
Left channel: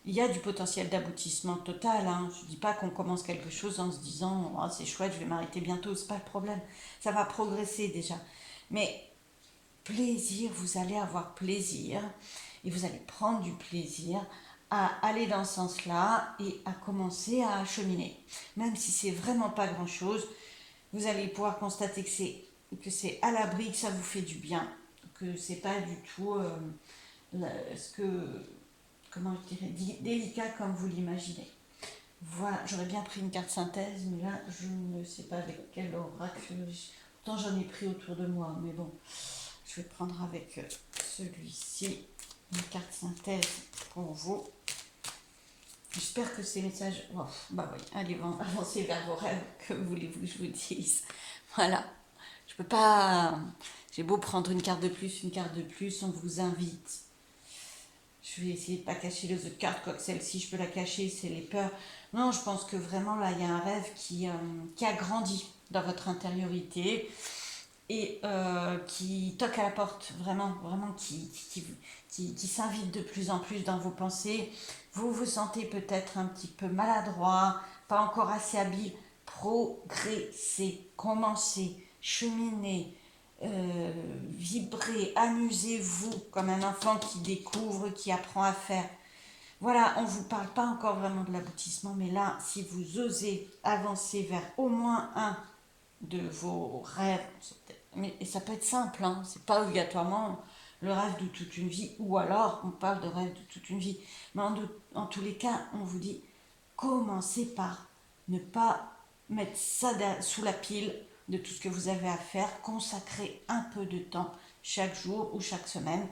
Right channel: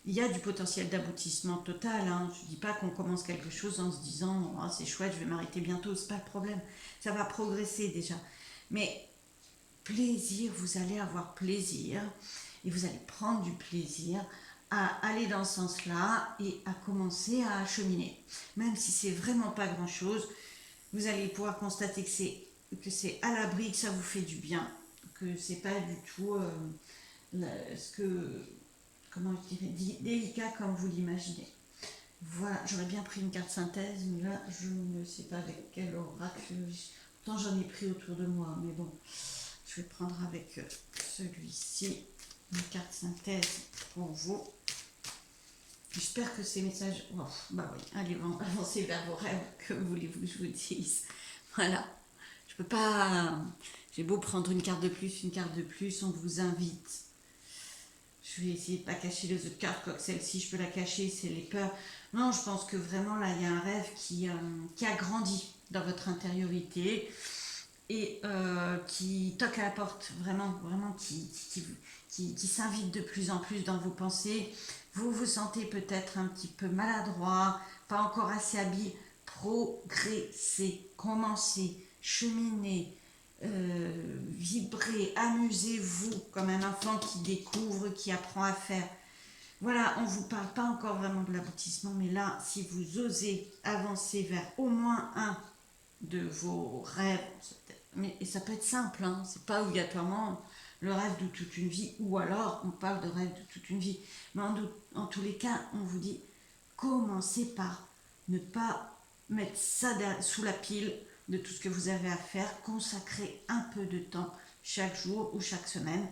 il y a du potentiel d'aboutissement total, hein. Je ne dis pas qu'on commence quelque chose en se disant oh, c'est chouette, je vais m'arrêter bientôt, c'est pas le problème, ça va progresser déjà, mais plaisir, vous allez avoir plaisir et vous allez prendre du plaisir à aller dans ce sens-là et à commencer à cheminer, même si c'est vraiment pas grand-chose, vous allez pouvoir constater que c'est à l'abri, que ça vous fait du bien, que c'est pas du tout comment je dirais, délicat comme vous l'imaginez. Voilà, j'aurais bien pris une carte synthèse, mais là, je ne sais pas avec quel oracle. Pourtant, j'en ai pris autour de moi, mais bon, je vais prendre avec celui-ci, une carte synthèse pour vous. J'espère que ces messages... Oh, bah oui, allez, avancez vers vos rêves, que voulez-vous que je vous dise. Voilà. Je peux pas... J'ai beau prendre une carte de plus, on vous invite. Je vais essayer de ne pas cacher les autres cartes, quoique celle-ci, je peux la cacher, c'est les peurs. Non, je pense que vraiment, là, il y a un rêve qui a grandi dans votre intériorité et qui toque à la porte, vraiment, qui s'invite de plus en plus dans vos pensées. Vous vous sentez peut-être un petit peu maladroit, pas encore assez habile. Progressez, commencez, cheminez, vibrez, amusez-vous comme un enfant qui découvre, qui apprend à faire. Voilà, on ne vous parle pas encore vraiment de l'aboutissement, mais là, si vous osez avancer vers au moins un de vos rêves, et ça peut être simple, hein, c'est pas obligatoirement le rêve de toute une vie, ou alors on parle de rêve de toute une vie. Mais en tous les cas, on vous dit, commencez par ne pas mettre ça sous la pile de tout ce que vous avez à faire, consacrez un peu de temps chaque jour ou chaque semaine.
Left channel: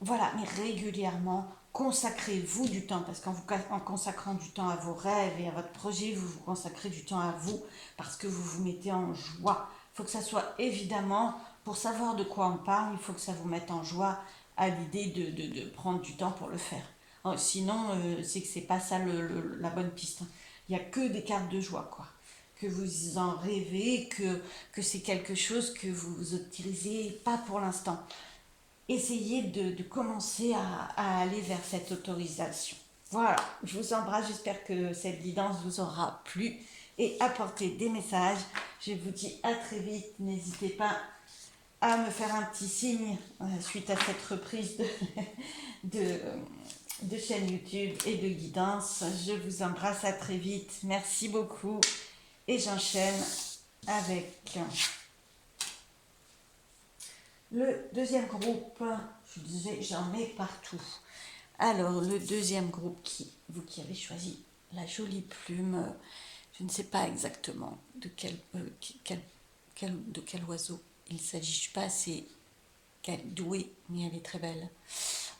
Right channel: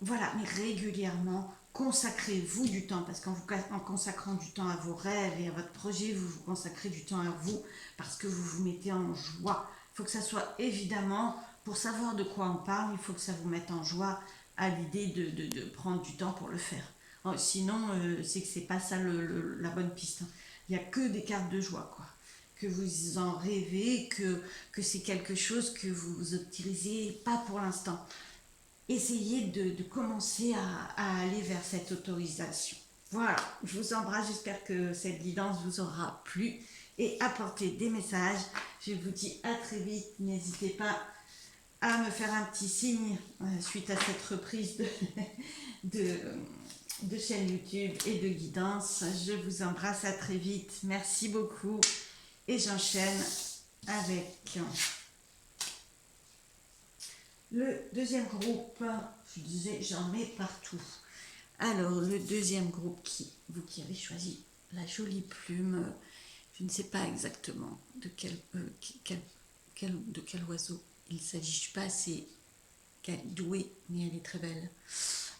Voilà, mais régulièrement, consacrez-vous du temps, parce qu'en consacrant du temps à vos rêves et à votre projet, vous vous consacrez du temps à vous, parce que vous vous mettez en joie. Il faut que ça soit évidemment, pour savoir de quoi on parle, il faut que ça vous mette en joie à l'idée de prendre du temps pour le faire. Sinon, c'est que c'est pas ça la bonne piste. Il n'y a que des cartes de joie, quoi. Que vous en rêvez, que c'est quelque chose que vous utilisez pas pour l'instant. Essayez de commencer à aller vers cette autorisation. Voilà, je vous embrasse, j'espère que cette guidance vous aura plu et apporté des messages. Je vous dis à très vite, n'hésitez pas à me faire un petit signe suite à cette reprise de chaîne YouTube et de guidance. Je vous embrasse, à très vite, merci beaucoup et j'enchaîne avec le deuxième groupe. Je disais, j'en ai partout. Alors, le deuxième groupe, vous qui avez choisi la jolie plume, je ne sais pas exactement de de quel oiseau il s'agit. Je ne suis pas assez douée, mais elle est très belle.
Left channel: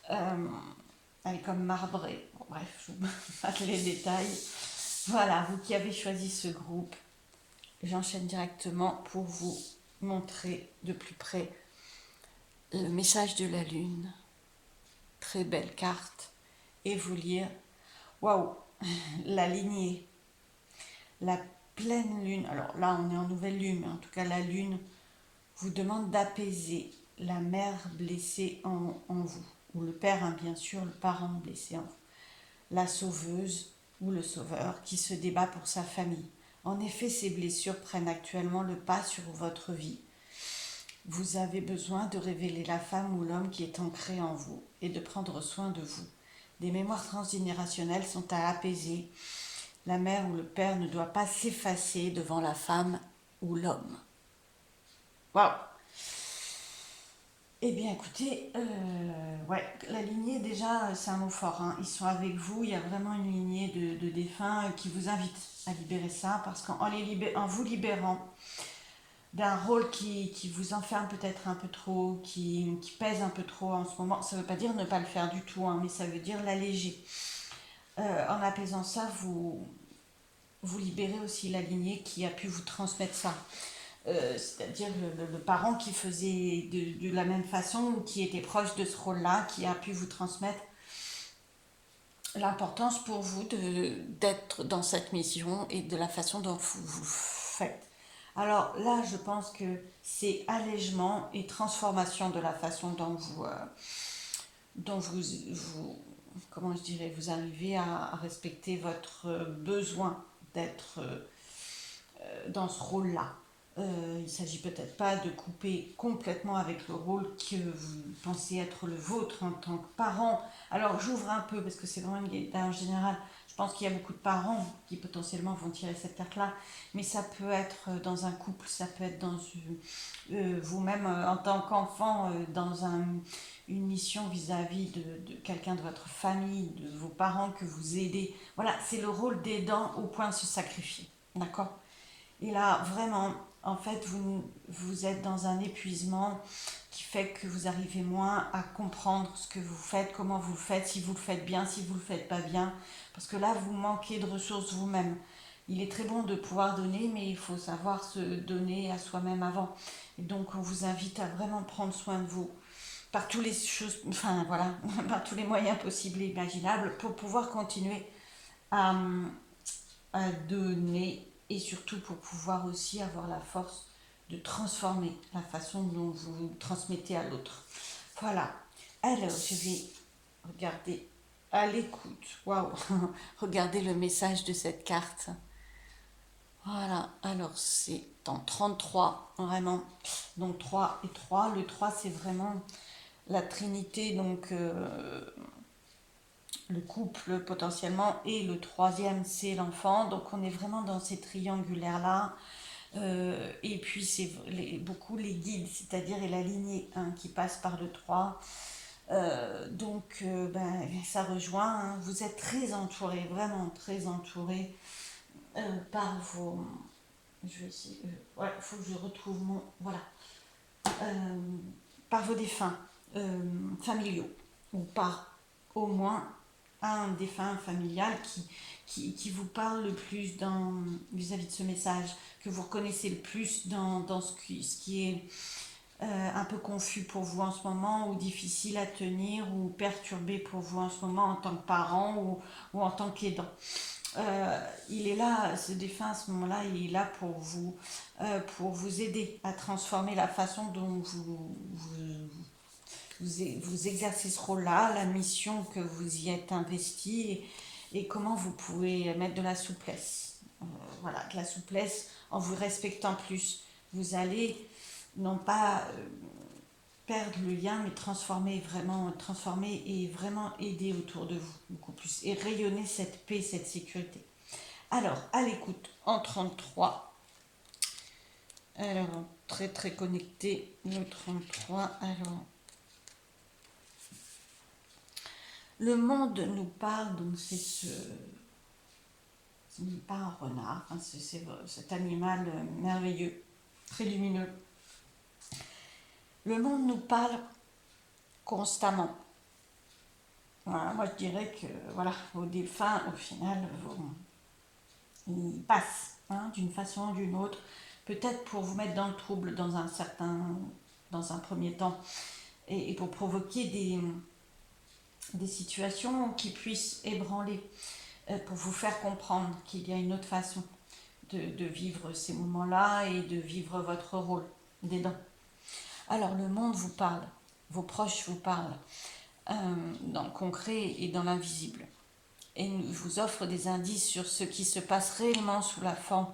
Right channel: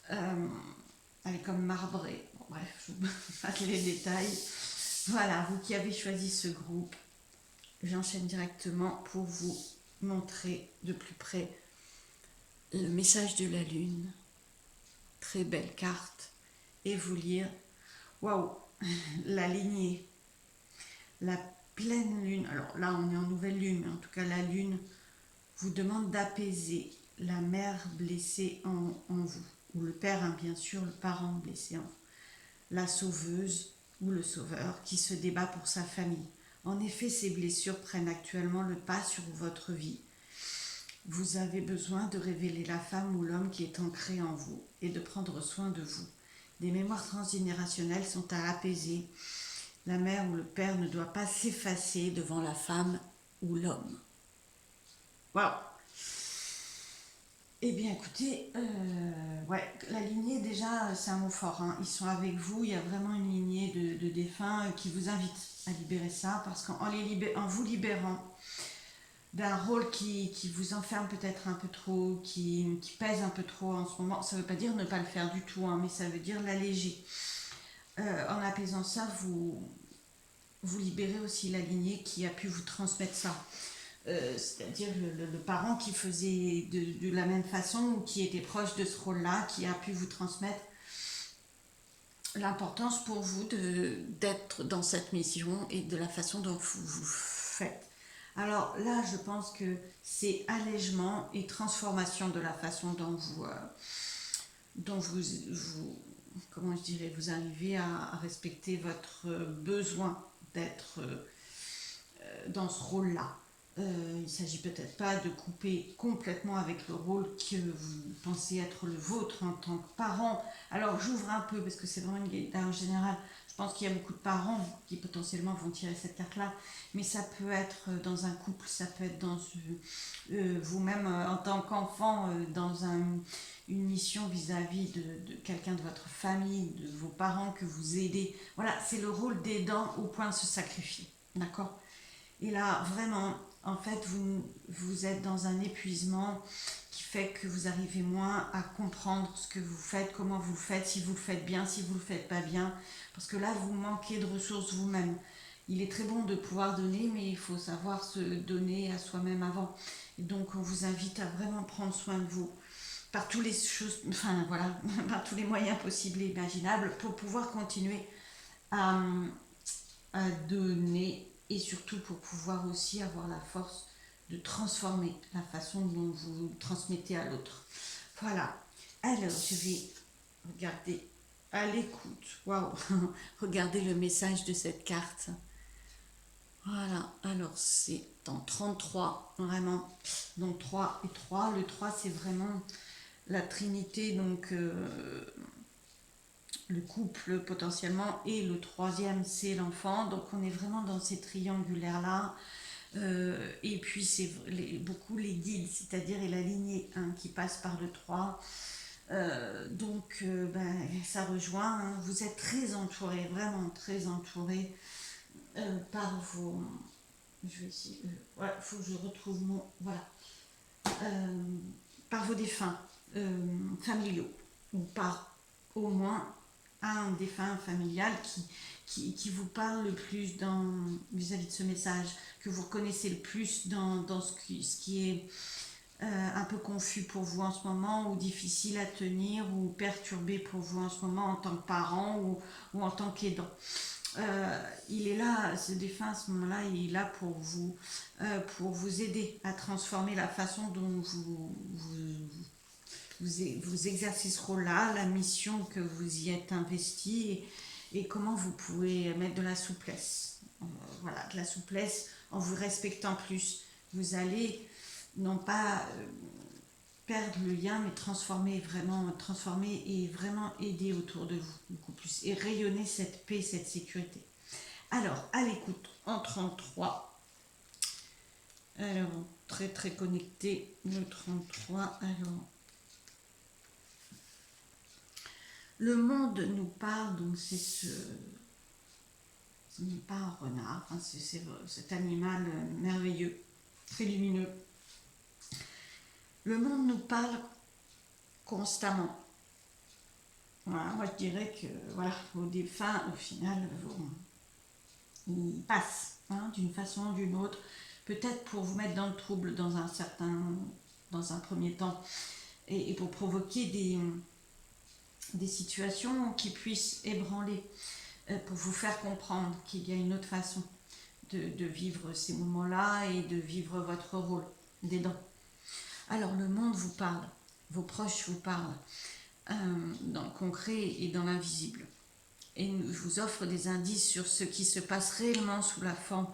Elle est comme marbrée. Bon, bref, je vous passe les détails. Voilà, vous qui avez choisi ce groupe, j'enchaîne directement pour vous montrer de plus près le message de la lune. Très belle carte. Et vous lire, waouh, la lignée, la pleine lune. Alors là, on est en nouvelle lune, mais en tout cas, la lune vous demande d'apaiser la mère blessée en vous, ou le père, hein, bien sûr, le parent blessé en vous, la sauveuse ou le sauveur qui se débat pour sa famille. En effet, ces blessures prennent actuellement le pas sur votre vie. Vous avez besoin de révéler la femme ou l'homme qui est ancré en vous et de prendre soin de vous. Des mémoires transgénérationnelles sont à apaiser. La mère ou le père ne doit pas s'effacer devant la femme ou l'homme. Waouh! Eh bien, écoutez, ouais, la lignée, déjà, c'est un mot fort, hein. Ils sont avec vous, il y a vraiment une lignée de défunts qui vous invite à libérer ça, parce en vous libérant d'un rôle qui vous enferme peut-être un peu trop, qui pèse un peu trop en ce moment, ça ne veut pas dire ne pas le faire du tout, hein, mais ça veut dire l'alléger. En apaisant ça, vous libérez aussi la lignée qui a pu vous transmettre ça. C'est-à-dire le parent qui faisait de la même façon ou qui était proche de ce rôle-là, qui a pu vous transmettre l'importance pour vous d'être dans cette mission et de la façon dont vous faites. Alors là, je pense que c'est allègement et transformation de la façon dont comment je dirais, vous arrivez à respecter votre besoin d'être dans ce rôle-là. Il ne s'agit peut-être pas de couper complètement avec le rôle que vous pensez être le vôtre en tant que parent. Alors j'ouvre un peu parce que c'est vraiment une guide en général. Je pense qu'il y a beaucoup de parents qui potentiellement vont tirer cette carte-là, mais ça peut être dans un couple, ça peut être dans vous-même en tant qu'enfant dans une mission vis-à-vis de quelqu'un de votre famille, de vos parents que vous aidez. Voilà, c'est le rôle d'aidant au point de se sacrifier. D'accord? Et là, vraiment, en fait, vous êtes dans un épuisement qui fait que vous arrivez moins à comprendre ce que vous faites, comment vous le faites, si vous le faites bien, si vous le faites pas bien. Parce que là, vous manquez de ressources vous-même. Il est très bon de pouvoir donner, mais il faut savoir se donner à soi-même avant. Et donc, on vous invite à vraiment prendre soin de vous par tous les choses, enfin voilà, par tous les moyens possibles et imaginables pour pouvoir continuer à, à donner et surtout pour pouvoir aussi avoir la force de transformer la façon dont vous transmettez à l'autre. Voilà. Alors, je vais regarder à l'écoute. Waouh. Regardez le message de cette carte. Voilà. Alors, c'est en 33, vraiment. Donc, 3 et 3. Le 3, c'est vraiment la trinité, donc le couple potentiellement, et le troisième c'est l'enfant, donc on est vraiment dans ces triangulaires là, et puis c'est beaucoup les guides, c'est-à-dire et la lignée qui passe par le 3. Donc ça rejoint, hein. Vous êtes très entouré, vraiment très entouré par vos, je vais essayer, ouais, faut que je retrouve mon, voilà, par vos défunts familiaux, ou par au moins un défunt familial qui vous parle le plus vis-à-vis de ce message, que vous reconnaissez le plus dans ce qui est un peu confus pour vous en ce moment, ou difficile à tenir, ou perturbé pour vous en ce moment en tant que parent ou en tant qu'aidant. Il est là, ce défunt à ce moment-là, il est là pour vous aider à transformer la façon dont vous exercez ce rôle-là, la mission que vous y êtes investi, et comment vous pouvez mettre de la souplesse. Voilà, de la souplesse en vous respectant plus. Vous allez non pas perdre le lien, mais transformer et vraiment aider autour de vous beaucoup plus et rayonner cette paix, cette sécurité. Alors, à l'écoute en 33, Alors, très très connecté, le 33. Alors, le monde nous parle, donc c'est ce n'est pas un renard, hein, c'est cet animal merveilleux, très lumineux. Le monde nous parle constamment. Voilà, moi je dirais que voilà, vos défunts, au final, ils passent d'une façon ou d'une autre, peut-être pour vous mettre dans le trouble dans un premier temps, et pour provoquer des situations qui puissent ébranler, pour vous faire comprendre qu'il y a une autre façon de vivre ces moments-là et de vivre votre rôle d'aidant. Alors le monde vous parle, vos proches vous parlent, dans le concret et dans l'invisible. Et vous offre des indices sur ce qui se passe réellement sous la forme,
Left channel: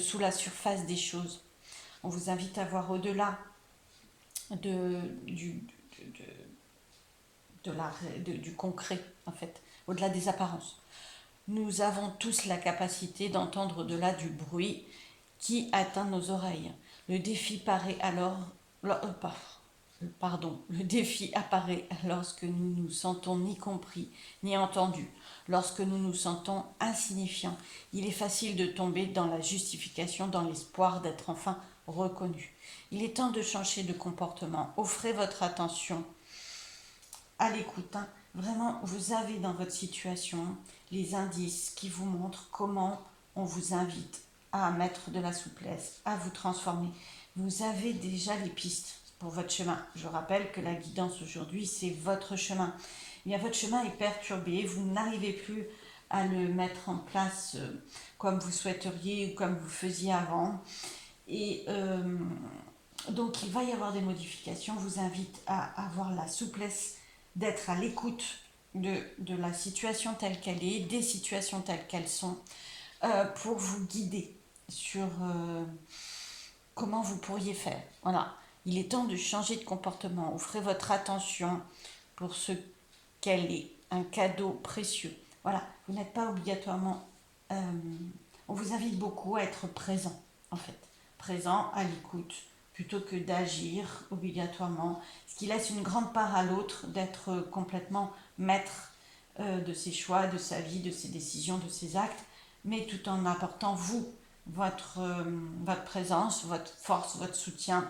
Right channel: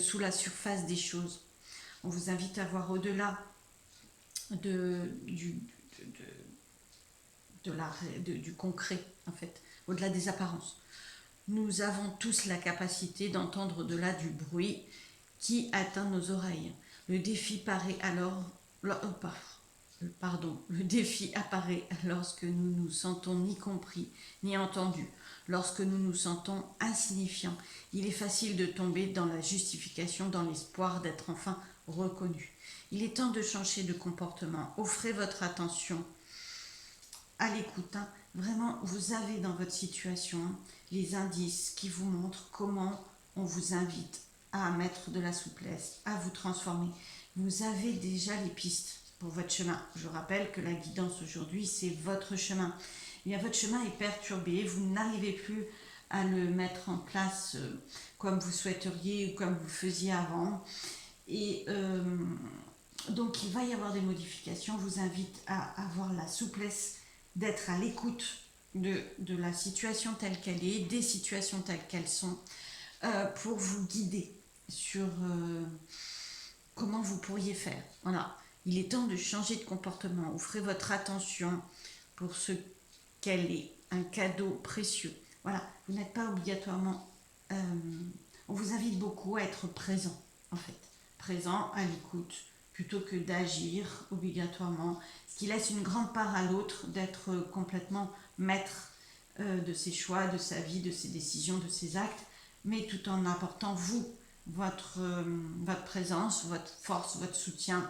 sous la surface des choses. On vous invite à voir au-delà du concret, en fait, au-delà des apparences. Nous avons tous la capacité d'entendre au-delà du bruit qui atteint nos oreilles. Le défi paraît alors... le défi apparaît lorsque nous nous sentons ni compris ni entendus, lorsque nous nous sentons insignifiants. Il est facile de tomber dans la justification, dans l'espoir d'être enfin reconnu. Il est temps de changer de comportement. Offrez votre attention à l'écoute. Vraiment, vous avez dans votre situation les indices qui vous montrent comment on vous invite à mettre de la souplesse, à vous transformer. Vous avez déjà les pistes pour votre chemin. Je rappelle que la guidance aujourd'hui, c'est votre chemin. Mais votre chemin est perturbé, vous n'arrivez plus à le mettre en place comme vous souhaiteriez ou comme vous faisiez avant. Et donc, il va y avoir des modifications. Je vous invite à avoir la souplesse d'être à l'écoute de la situation telle qu'elle est, des situations telles qu'elles sont, pour vous guider sur comment vous pourriez faire. Voilà, il est temps de changer de comportement. Offrez votre attention pour ce qu'elle est, un cadeau précieux. Voilà, vous n'êtes pas obligatoirement... on vous invite beaucoup à être présent, en fait. Présent, à l'écoute, plutôt que d'agir obligatoirement, ce qui laisse une grande part à l'autre d'être complètement maître de ses choix, de sa vie, de ses décisions, de ses actes, mais tout en apportant vous, votre présence, votre force, votre soutien.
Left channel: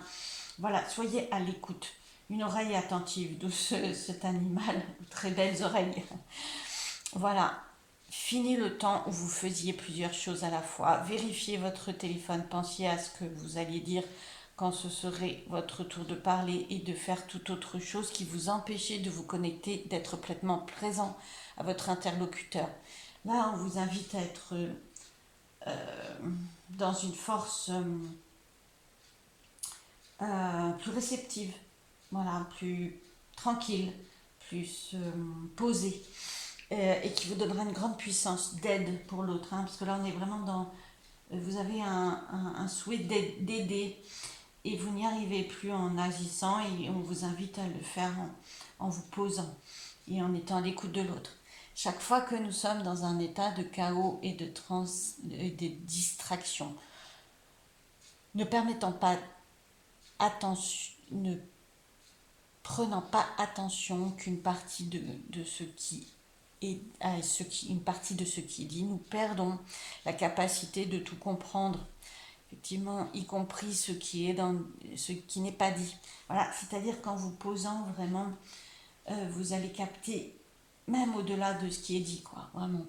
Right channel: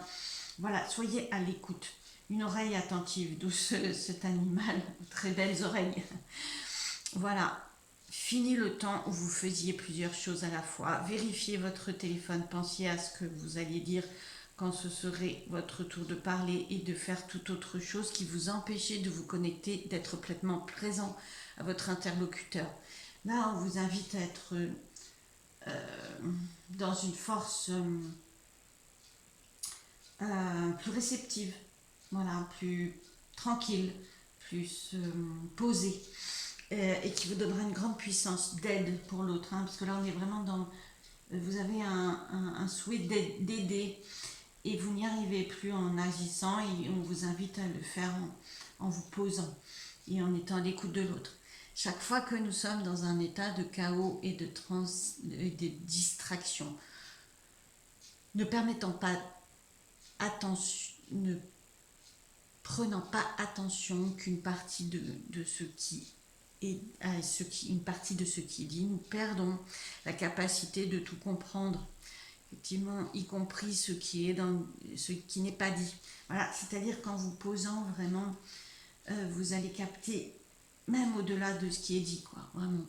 Voilà, soyez à l'écoute. Une oreille attentive, d'où cet animal, très belles oreilles. Voilà, fini le temps où vous faisiez plusieurs choses à la fois. Vérifiez votre téléphone, pensiez à ce que vous alliez dire quand ce serait votre tour de parler et de faire toute autre chose qui vous empêchait de vous connecter, d'être pleinement présent à votre interlocuteur. Là, on vous invite à être dans une force plus réceptive, voilà, plus tranquille, plus posée, et qui vous donnera une grande puissance d'aide pour l'autre, parce que là on est vraiment dans... Vous avez un souhait d'aider et vous n'y arrivez plus en agissant, et on vous invite à le faire en vous posant et en étant à l'écoute de l'autre. Chaque fois que nous sommes dans un état de chaos et de distraction, ne prenant pas attention qu'une partie de ce qui est une partie de ce qui est dit, nous perdons la capacité de tout comprendre, effectivement, y compris ce qui n'est pas dit. Voilà, c'est-à-dire qu'en vous posant vraiment, vous allez capter même au-delà de ce qui est dit, quoi, vraiment.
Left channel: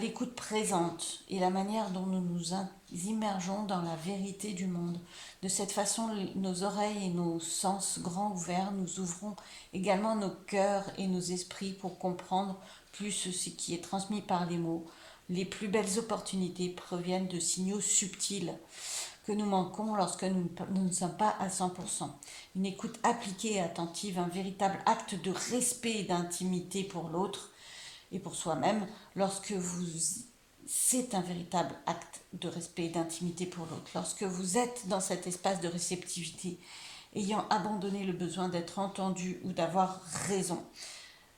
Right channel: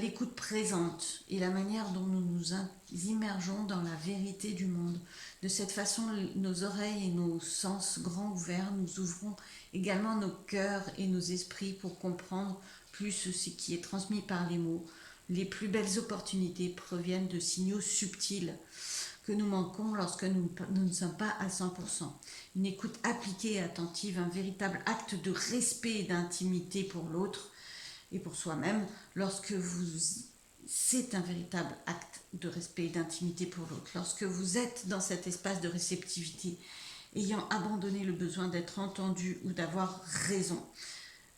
L'écoute présente et la manière dont nous nous immergeons dans la vérité du monde. De cette façon, nos oreilles et nos sens grands ouverts, nous ouvrons également nos cœurs et nos esprits pour comprendre plus ce qui est transmis par les mots. Les plus belles opportunités proviennent de signaux subtils que nous manquons lorsque nous ne sommes pas à 100%. Une écoute appliquée et attentive, un véritable acte de respect et d'intimité pour l'autre et pour soi-même, c'est un véritable acte de respect et d'intimité pour l'autre. Lorsque vous êtes dans cet espace de réceptivité, ayant abandonné le besoin d'être entendu ou d'avoir raison,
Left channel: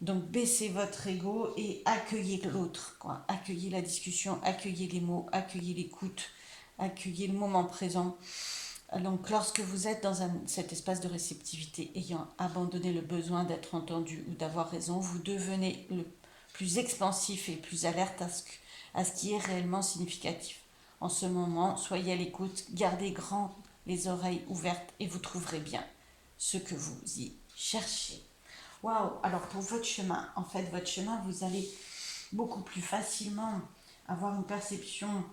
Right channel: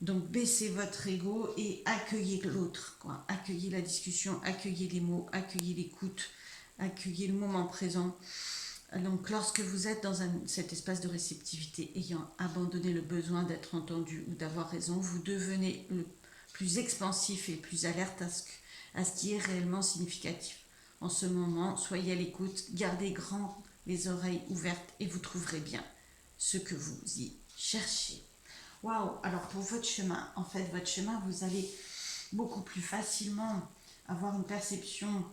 donc baissez votre ego et accueillez l'autre, quoi. Accueillez la discussion, accueillez les mots, accueillez l'écoute, accueillez le moment présent. Donc lorsque vous êtes dans cet espace de réceptivité, ayant abandonné le besoin d'être entendu ou d'avoir raison, vous devenez le plus expansif et plus alerte à ce qui est réellement significatif. En ce moment, soyez à l'écoute, gardez grand les oreilles ouvertes et vous trouverez bien ce que vous y cherchez. Waouh! Alors pour votre chemin, en fait, votre chemin, vous allez beaucoup plus facilement avoir une perception,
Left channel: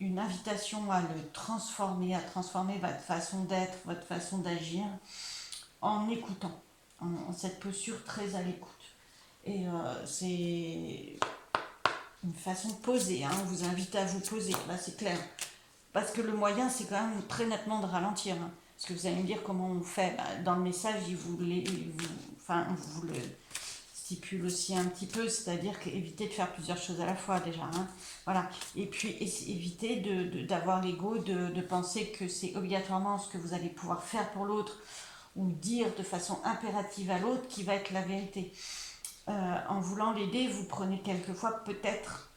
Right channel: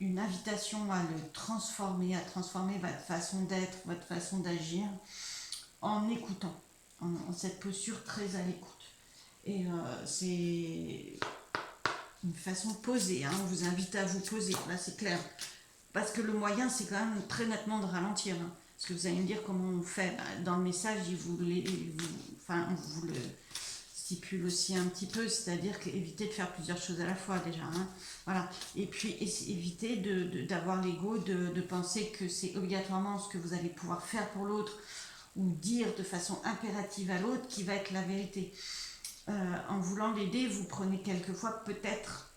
une invitation à le transformer, à transformer votre façon d'être, votre façon d'agir en écoutant, en cette posture très à l'écoute. Et c'est une façon posée, hein, on vous invite à vous poser, là c'est clair. Parce que le moyen, c'est quand même très nettement de ralentir. Hein. Parce que vous allez me dire comment on fait. Dans le message, on vous le stipule aussi un petit peu, c'est-à-dire qu'éviter de faire plusieurs choses à la fois déjà. Hein. Voilà. Et puis éviter d'avoir l'ego de penser que c'est obligatoirement ce que vous allez pouvoir faire pour l'autre ou dire de façon impérative à l'autre qui va être la vérité. En voulant l'aider, vous prenez quelquefois peut-être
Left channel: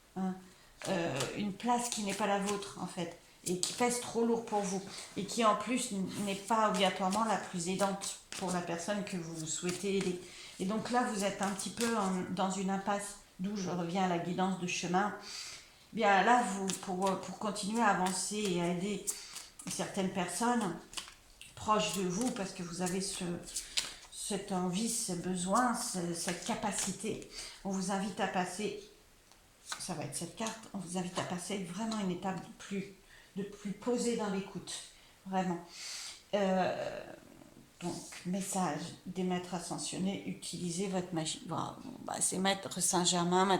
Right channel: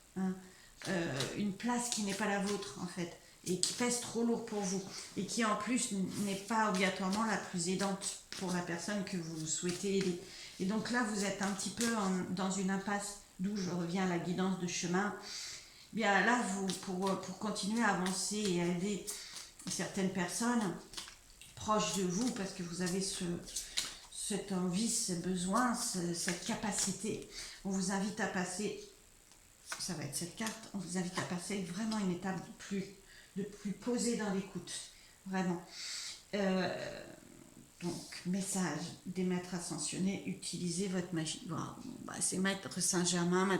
une place qui n'est pas la vôtre en fait, et qui pèse trop lourd pour vous, et qui en plus n'est pas obligatoirement la plus aidante pour la personne que vous souhaitez aider. Et donc là, vous êtes un petit peu dans une impasse, d'où je reviens à la guidance de chemin. Bien là, pour continuer à avancer et à aider certaines personnes proches de vous, parce que vous avez cette envie, ce besoin, cette capacité, on vous invite à passer, ça va être cette carte, on vous invite à passer vraiment une étape de plus posée dans l'écoute, vraiment. Donc, message des maîtres ascensionnés, utilisez votre magie. Voilà, c'est Maître Saint-Germain,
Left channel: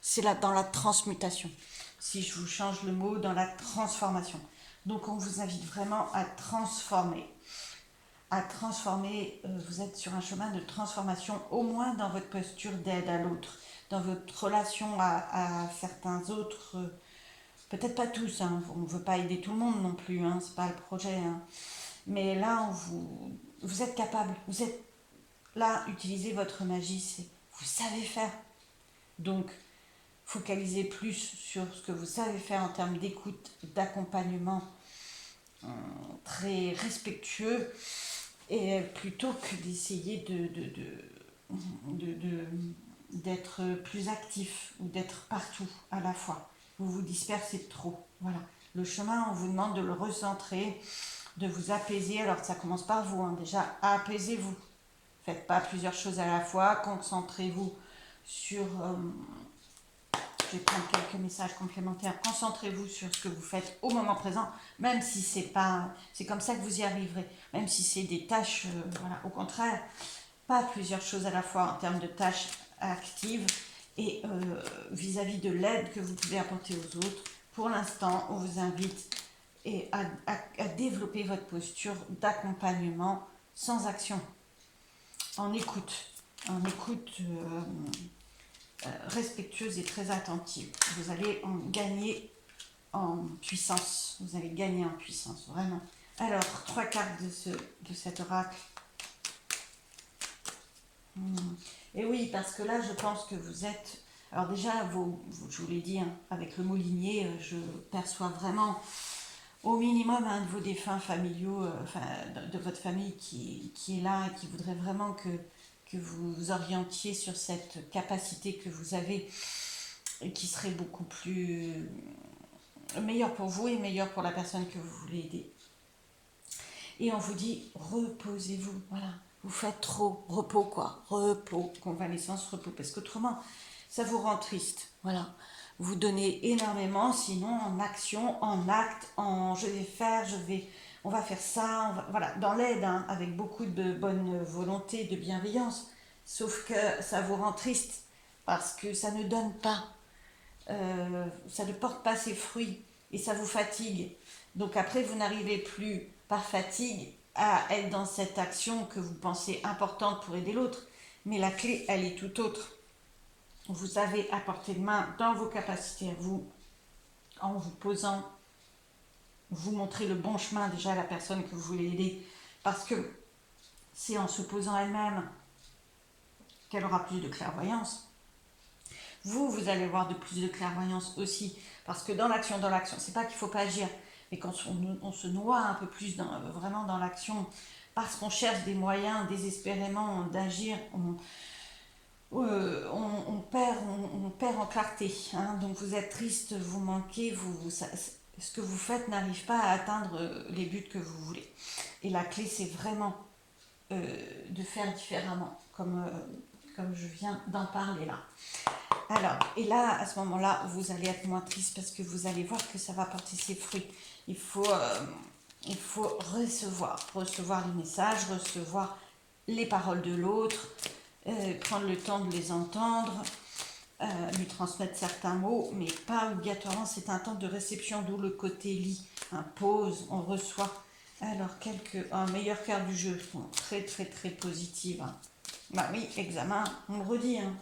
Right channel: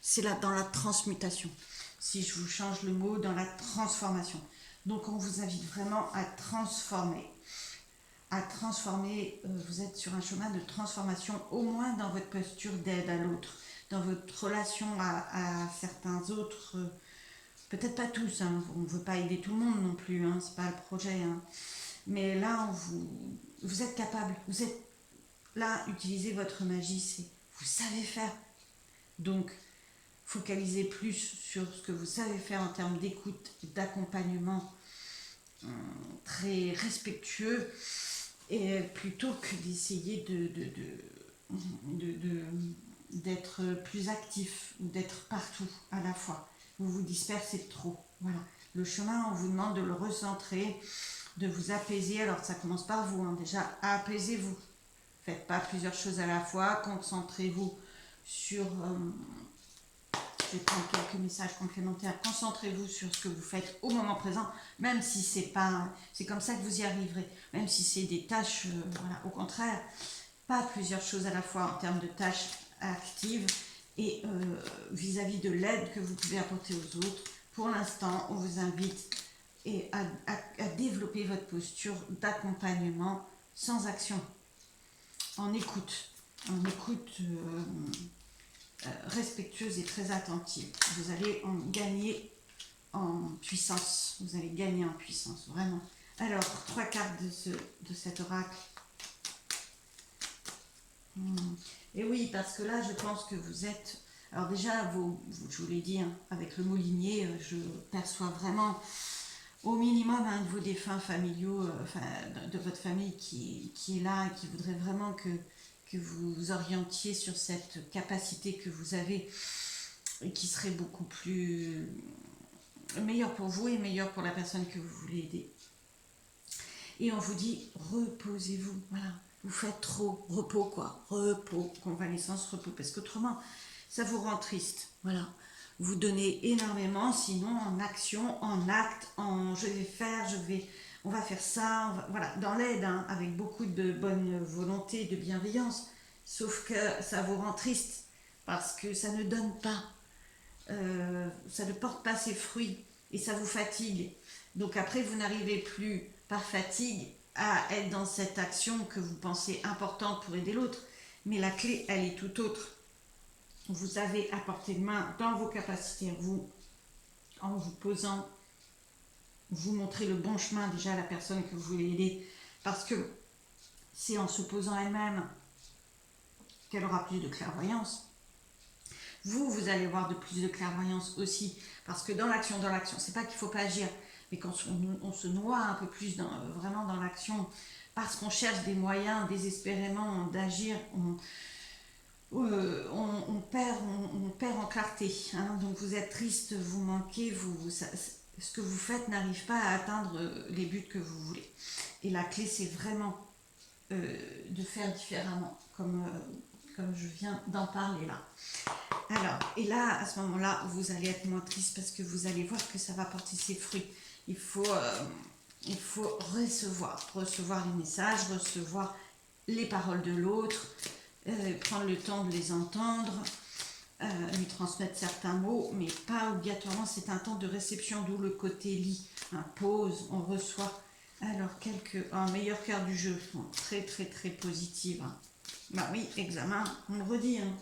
c'est là dans la transmutation. Si je vous change le mot, dans la transformation. Donc, on vous invite vraiment à transformer. Vous êtes sur un chemin de transformation, au moins dans votre posture d'aide à l'autre, dans votre relation à certains autres, peut-être pas tous, hein, on ne veut pas aider tout le monde non plus, hein, c'est pas le projet, hein. Mais là, vous êtes capable, vous êtes là, utilisez votre magie, vous savez faire. Donc, focalisez plus sur ce que vous savez faire en termes d'écoute, d'accompagnement, très respectueux, et plutôt que d'essayer d'être plus actif ou d'être partout à la fois. Vous vous dispersez trop. Voilà. Le chemin, on vous demande de le recentrer, de vous apaiser. Alors ça commence par vous, hein. Déjà, apaisez-vous. Faites pas plusieurs choses à la fois. Concentrez-vous sur... je vais prendre quelques messages complémentaires. Concentrez-vous sur ce que vous faites au moment présent, même si c'est comme ça que vous y arriverez. Même si c'est des tâches, voilà. Au contraire, pas plusieurs choses à la fois en termes de tâches actives et vis-à-vis de l'aide que vous pouvez apporter aux autres. Pour l'instant, on vous invite à développer votre posture d'accompagnement sans action, en écoute respectueuse et très attentive. Vous allez en gagner en puissance. Vous allez gagner en puissance, vraiment. Alors, 3 cartes de cet oracle. Et oui, parce que là, je pense que vous êtes... Alors déjà, je vous l'ai dit, hein, avec le mot lignée, je perçois vraiment au minimum un de vos défunts familiaux, de votre famille qui est là et qui voudrait vraiment que vous vous orientiez sur cette capacité que vous avez et qui serait beaucoup plus meilleure pour vous et meilleure pour la personne que vous voulez aider. Et on vous dit, reposez-vous, voilà. Vous faites trop, repos quoi, repos, convalescence, repos, parce qu'autrement, ça vous rend triste, voilà. Vous donnez énormément, sinon en action, en acte, je vais faire, on va faire ça, voilà, dans l'aide, hein, avec beaucoup de bonne volonté, de bienveillance, sauf que ça vous rend triste, parce que ça ne donne pas, ça ne porte pas ses fruits, et ça vous fatigue. Donc après, vous n'arrivez plus, par fatigue, à être dans cette action que vous pensez importante pour aider l'autre, mais la clé, elle est tout autre. Vous avez à portée de main, dans vos capacités, en vous posant, vous montrez le bon chemin déjà à la personne que vous voulez aider, parce que c'est en se posant elle-même qu'elle aura plus de clairvoyance. Vous allez avoir de plus de clairvoyance aussi. Parce que dans l'action, c'est pas qu'il faut pas agir. Mais quand on se noie un peu plus vraiment dans l'action, parce qu'on cherche des moyens désespérément d'agir, on perd en clarté. Hein. Donc vous êtes triste, vous manquez, ce que vous faites n'arrive pas à atteindre les buts que vous voulez. Et la clé, c'est vraiment de faire différemment, comme je viens d'en parler là. Alors, et là, à ce moment-là, vous allez être moins triste parce que vous allez voir que ça va porter ses fruits. Il faut recevoir les messages, recevoir les paroles de l'autre, prendre le temps de les entendre, lui transmettre certains mots, mais pas obligatoirement, c'est un temps de réception, d'où le côté lit, pause, on reçoit. Alors, un meilleur quart du jeu, sont très très très positives. Hein. Bah oui, examen, on le redit. Hein.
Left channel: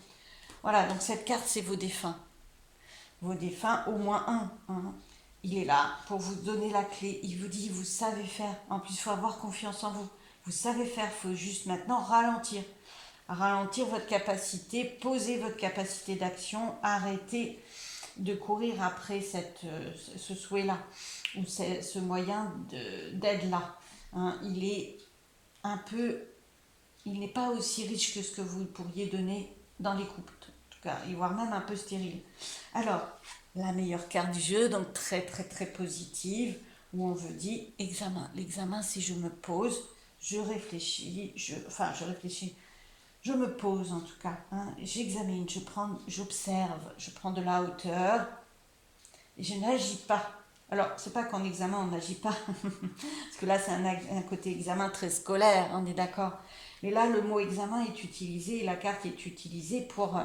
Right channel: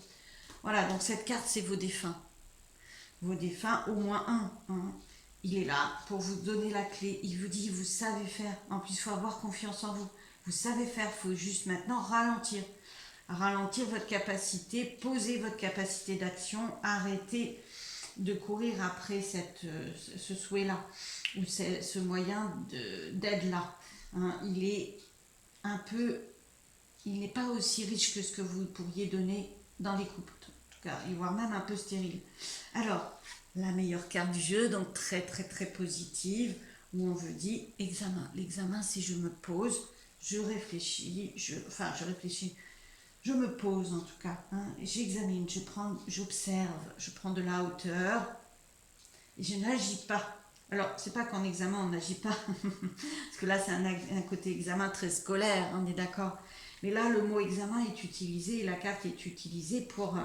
Voilà, donc cette carte, c'est vos défunts. Vos défunts, au moins un. Hein. Il est là pour vous donner la clé. Il vous dit, vous savez faire. En plus, il faut avoir confiance en vous. Vous savez faire, il faut juste maintenant ralentir. Ralentir votre capacité, poser votre capacité d'action, arrêter de courir après ce souhait-là, ou ce moyen d'aide-là. Hein. Il n'est pas aussi riche que ce que vous pourriez donner dans les couples, en tout cas, voire même un peu stérile. Alors, la meilleure carte du jeu, donc très très très positive, où on vous dit examen. L'examen, c'est je me pose, je réfléchis, je me pose en tout cas, hein, j'examine, j'observe, je prends de la hauteur, et je n'agis pas. Alors, c'est pas qu'en examen on n'agit pas, parce que là c'est un côté examen très scolaire, on est d'accord. Mais là, le mot examen est utilisé, la carte est utilisée pour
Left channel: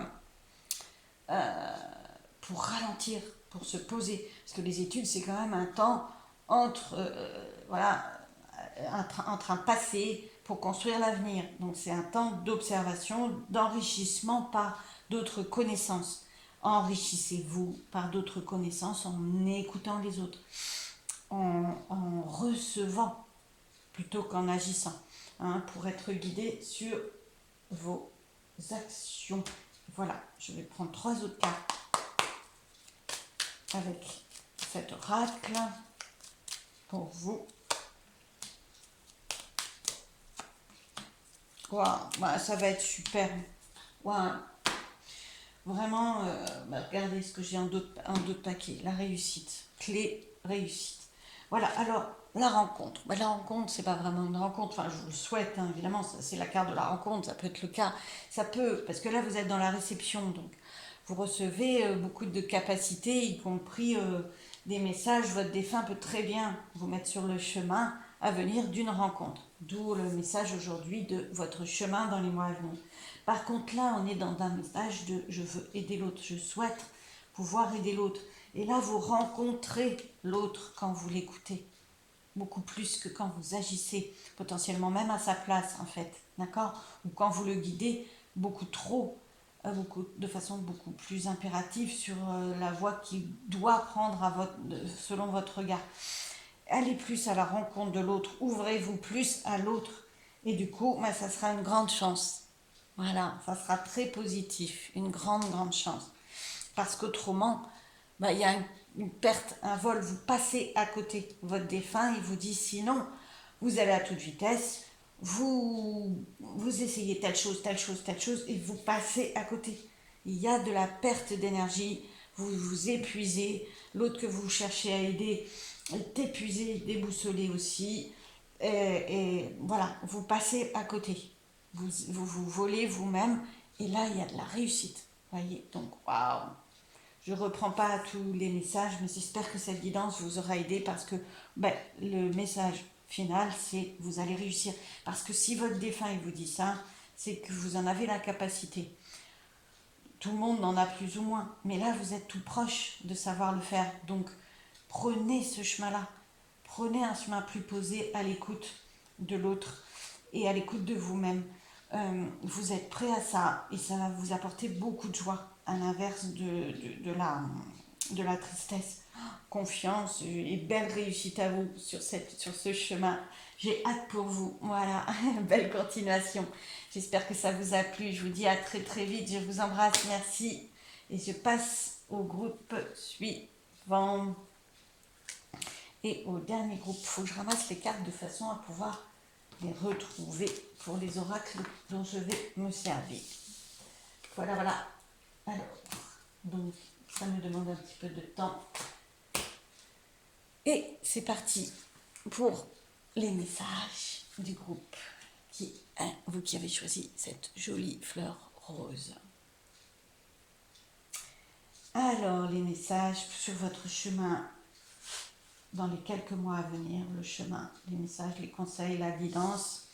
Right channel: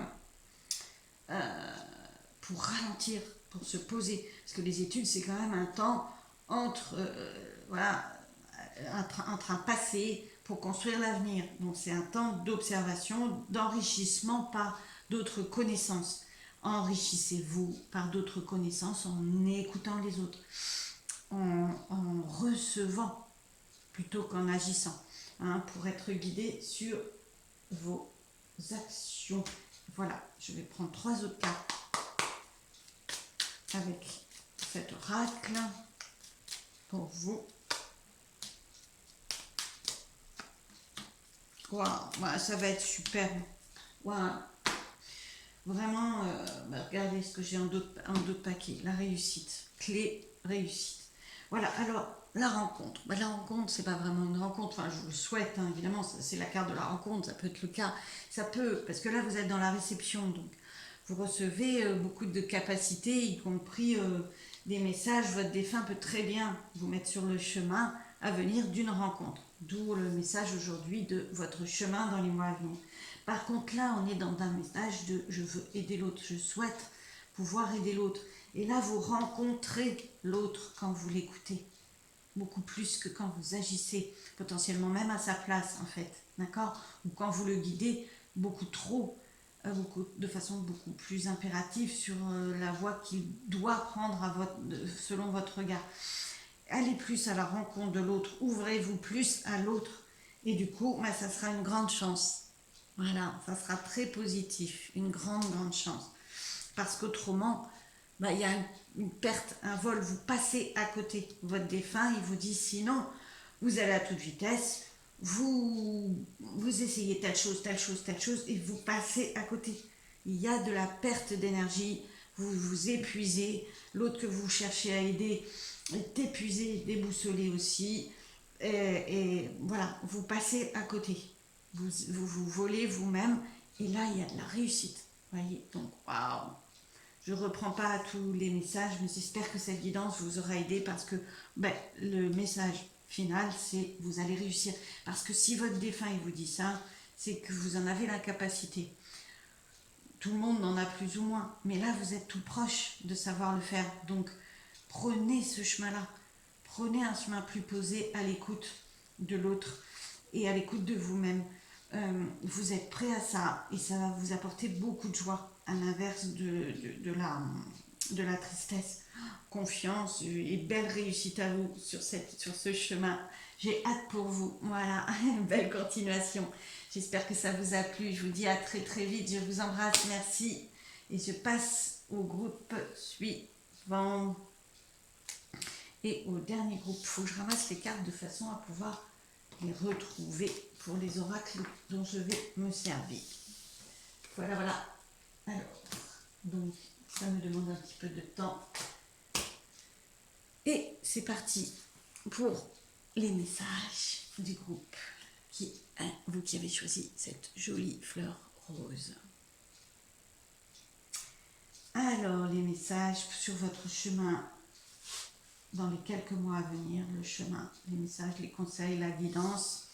ralentir, pour se poser. Parce que les études, c'est quand même un temps entre un passé pour construire l'avenir. Donc c'est un temps d'observation, d'enrichissement par d'autres connaissances. Enrichissez-vous par d'autres connaissances en écoutant les autres, en recevant plutôt qu'en agissant, hein, pour être guidé sur vos actions. Voilà, je vais prendre 3 autres cartes avec cet oracle pour vous. Wow, bah, ça va être super. Wow. Vraiment, regardez ce que j'ai en d'autres paquets. La réussite, clé réussite. Voilà, alors la rencontre. Bah, la rencontre, c'est pas vraiment une rencontre. Enfin, je vous le souhaite, hein, évidemment, c'est la carte de la rencontre. Ça peut être le cas. Ça peut, parce que là, vous êtes dans la réception. Donc, vous recevez beaucoup de capacités, y compris des messages. Votre défunt peut très bien vous mettre sur le chemin à venir d'une rencontre. D'où le message aujourd'hui de votre chemin dans les mois à venir. Par contre, là, on est dans un message de je veux aider l'autre, je souhaite pouvoir aider l'autre. Et là, vous rencontrez l'autre quand vous l'écoutez. Beaucoup plus que quand vous agissez, potentiellement même à sa place, en fait. D'accord? Ou quand vous le guidez beaucoup trop, de façon beaucoup plus impérative sur la voie qu'il doit prendre selon votre regard. Allez plus à la rencontre de l'autre, ouvrez-vous plus à l'autre. Et du coup, ça sera une grande chance. Voilà, ça sera très positif, une grande, grande chance. Parce qu'autrement, il y a une perte, un vol, vous passez à côté. Votre défunt, il vous dit sinon, vous allez à toute vitesse, vous essayez telle chose, et vous passez à côté. Il y a de la perte d'énergie, vous vous épuisez, l'autre que vous cherchez à aider est épuisé, déboussolé aussi, et voilà, vous passez à côté. Vous volez vous-même, et là, il y a de la réussite. Voyez, donc, waouh! Je ne reprends pas tous les messages, mais j'espère que cette guidance vous aura aidé parce que le message final, c'est vous allez réussir. Parce que si votre défunt il vous dit ça, c'est que vous en avez la capacité. Tout le monde en a plus ou moins, mais là, vous êtes tout proche de savoir le faire. Donc, prenez ce chemin-là. Prenez un chemin plus posé à l'écoute de l'autre et à l'écoute de vous-même. Vous êtes prêt à ça et ça va vous apporter beaucoup de joie à l'inverse de la tristesse. Confiance et belle réussite à vous sur ce chemin. J'ai hâte pour vous. Voilà, belle continuation. J'espère que ça vous a plu. Je vous dis à très très vite. Je vous embrasse. Merci. Et je passe au groupe suivant. Et au dernier groupe, il faut que je ramasse les cartes de façon à pouvoir les retrouver pour les oracles dont je vais me servir. Voilà, voilà. Alors, donc, ça me demande un petit peu de temps. Et c'est parti pour les messages du groupe. Vous qui avez choisi cette jolie fleur rose. Alors, les messages sur votre chemin dans les quelques mois à venir, le chemin, les messages, les conseils, la guidance.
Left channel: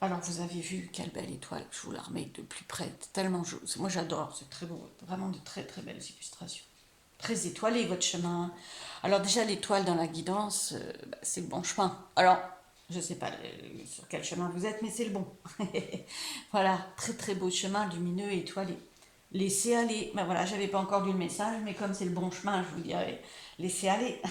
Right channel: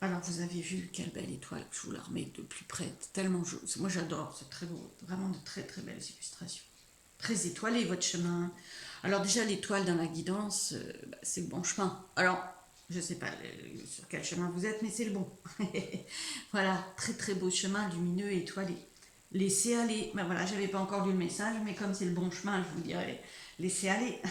Alors, vous avez vu quelle belle étoile, je vous la remets de plus près, tellement joli. Moi, j'adore, c'est très beau, vraiment de très très belles illustrations. Très étoilé votre chemin. Alors déjà, l'étoile dans la guidance, c'est le bon chemin. Alors, je ne sais pas sur quel chemin vous êtes, mais c'est le bon. Voilà, très très beau chemin, lumineux et étoilé. Laissez aller. Ben voilà, j'avais pas encore lu le message, mais comme c'est le bon chemin, je vous dirais, laissez aller.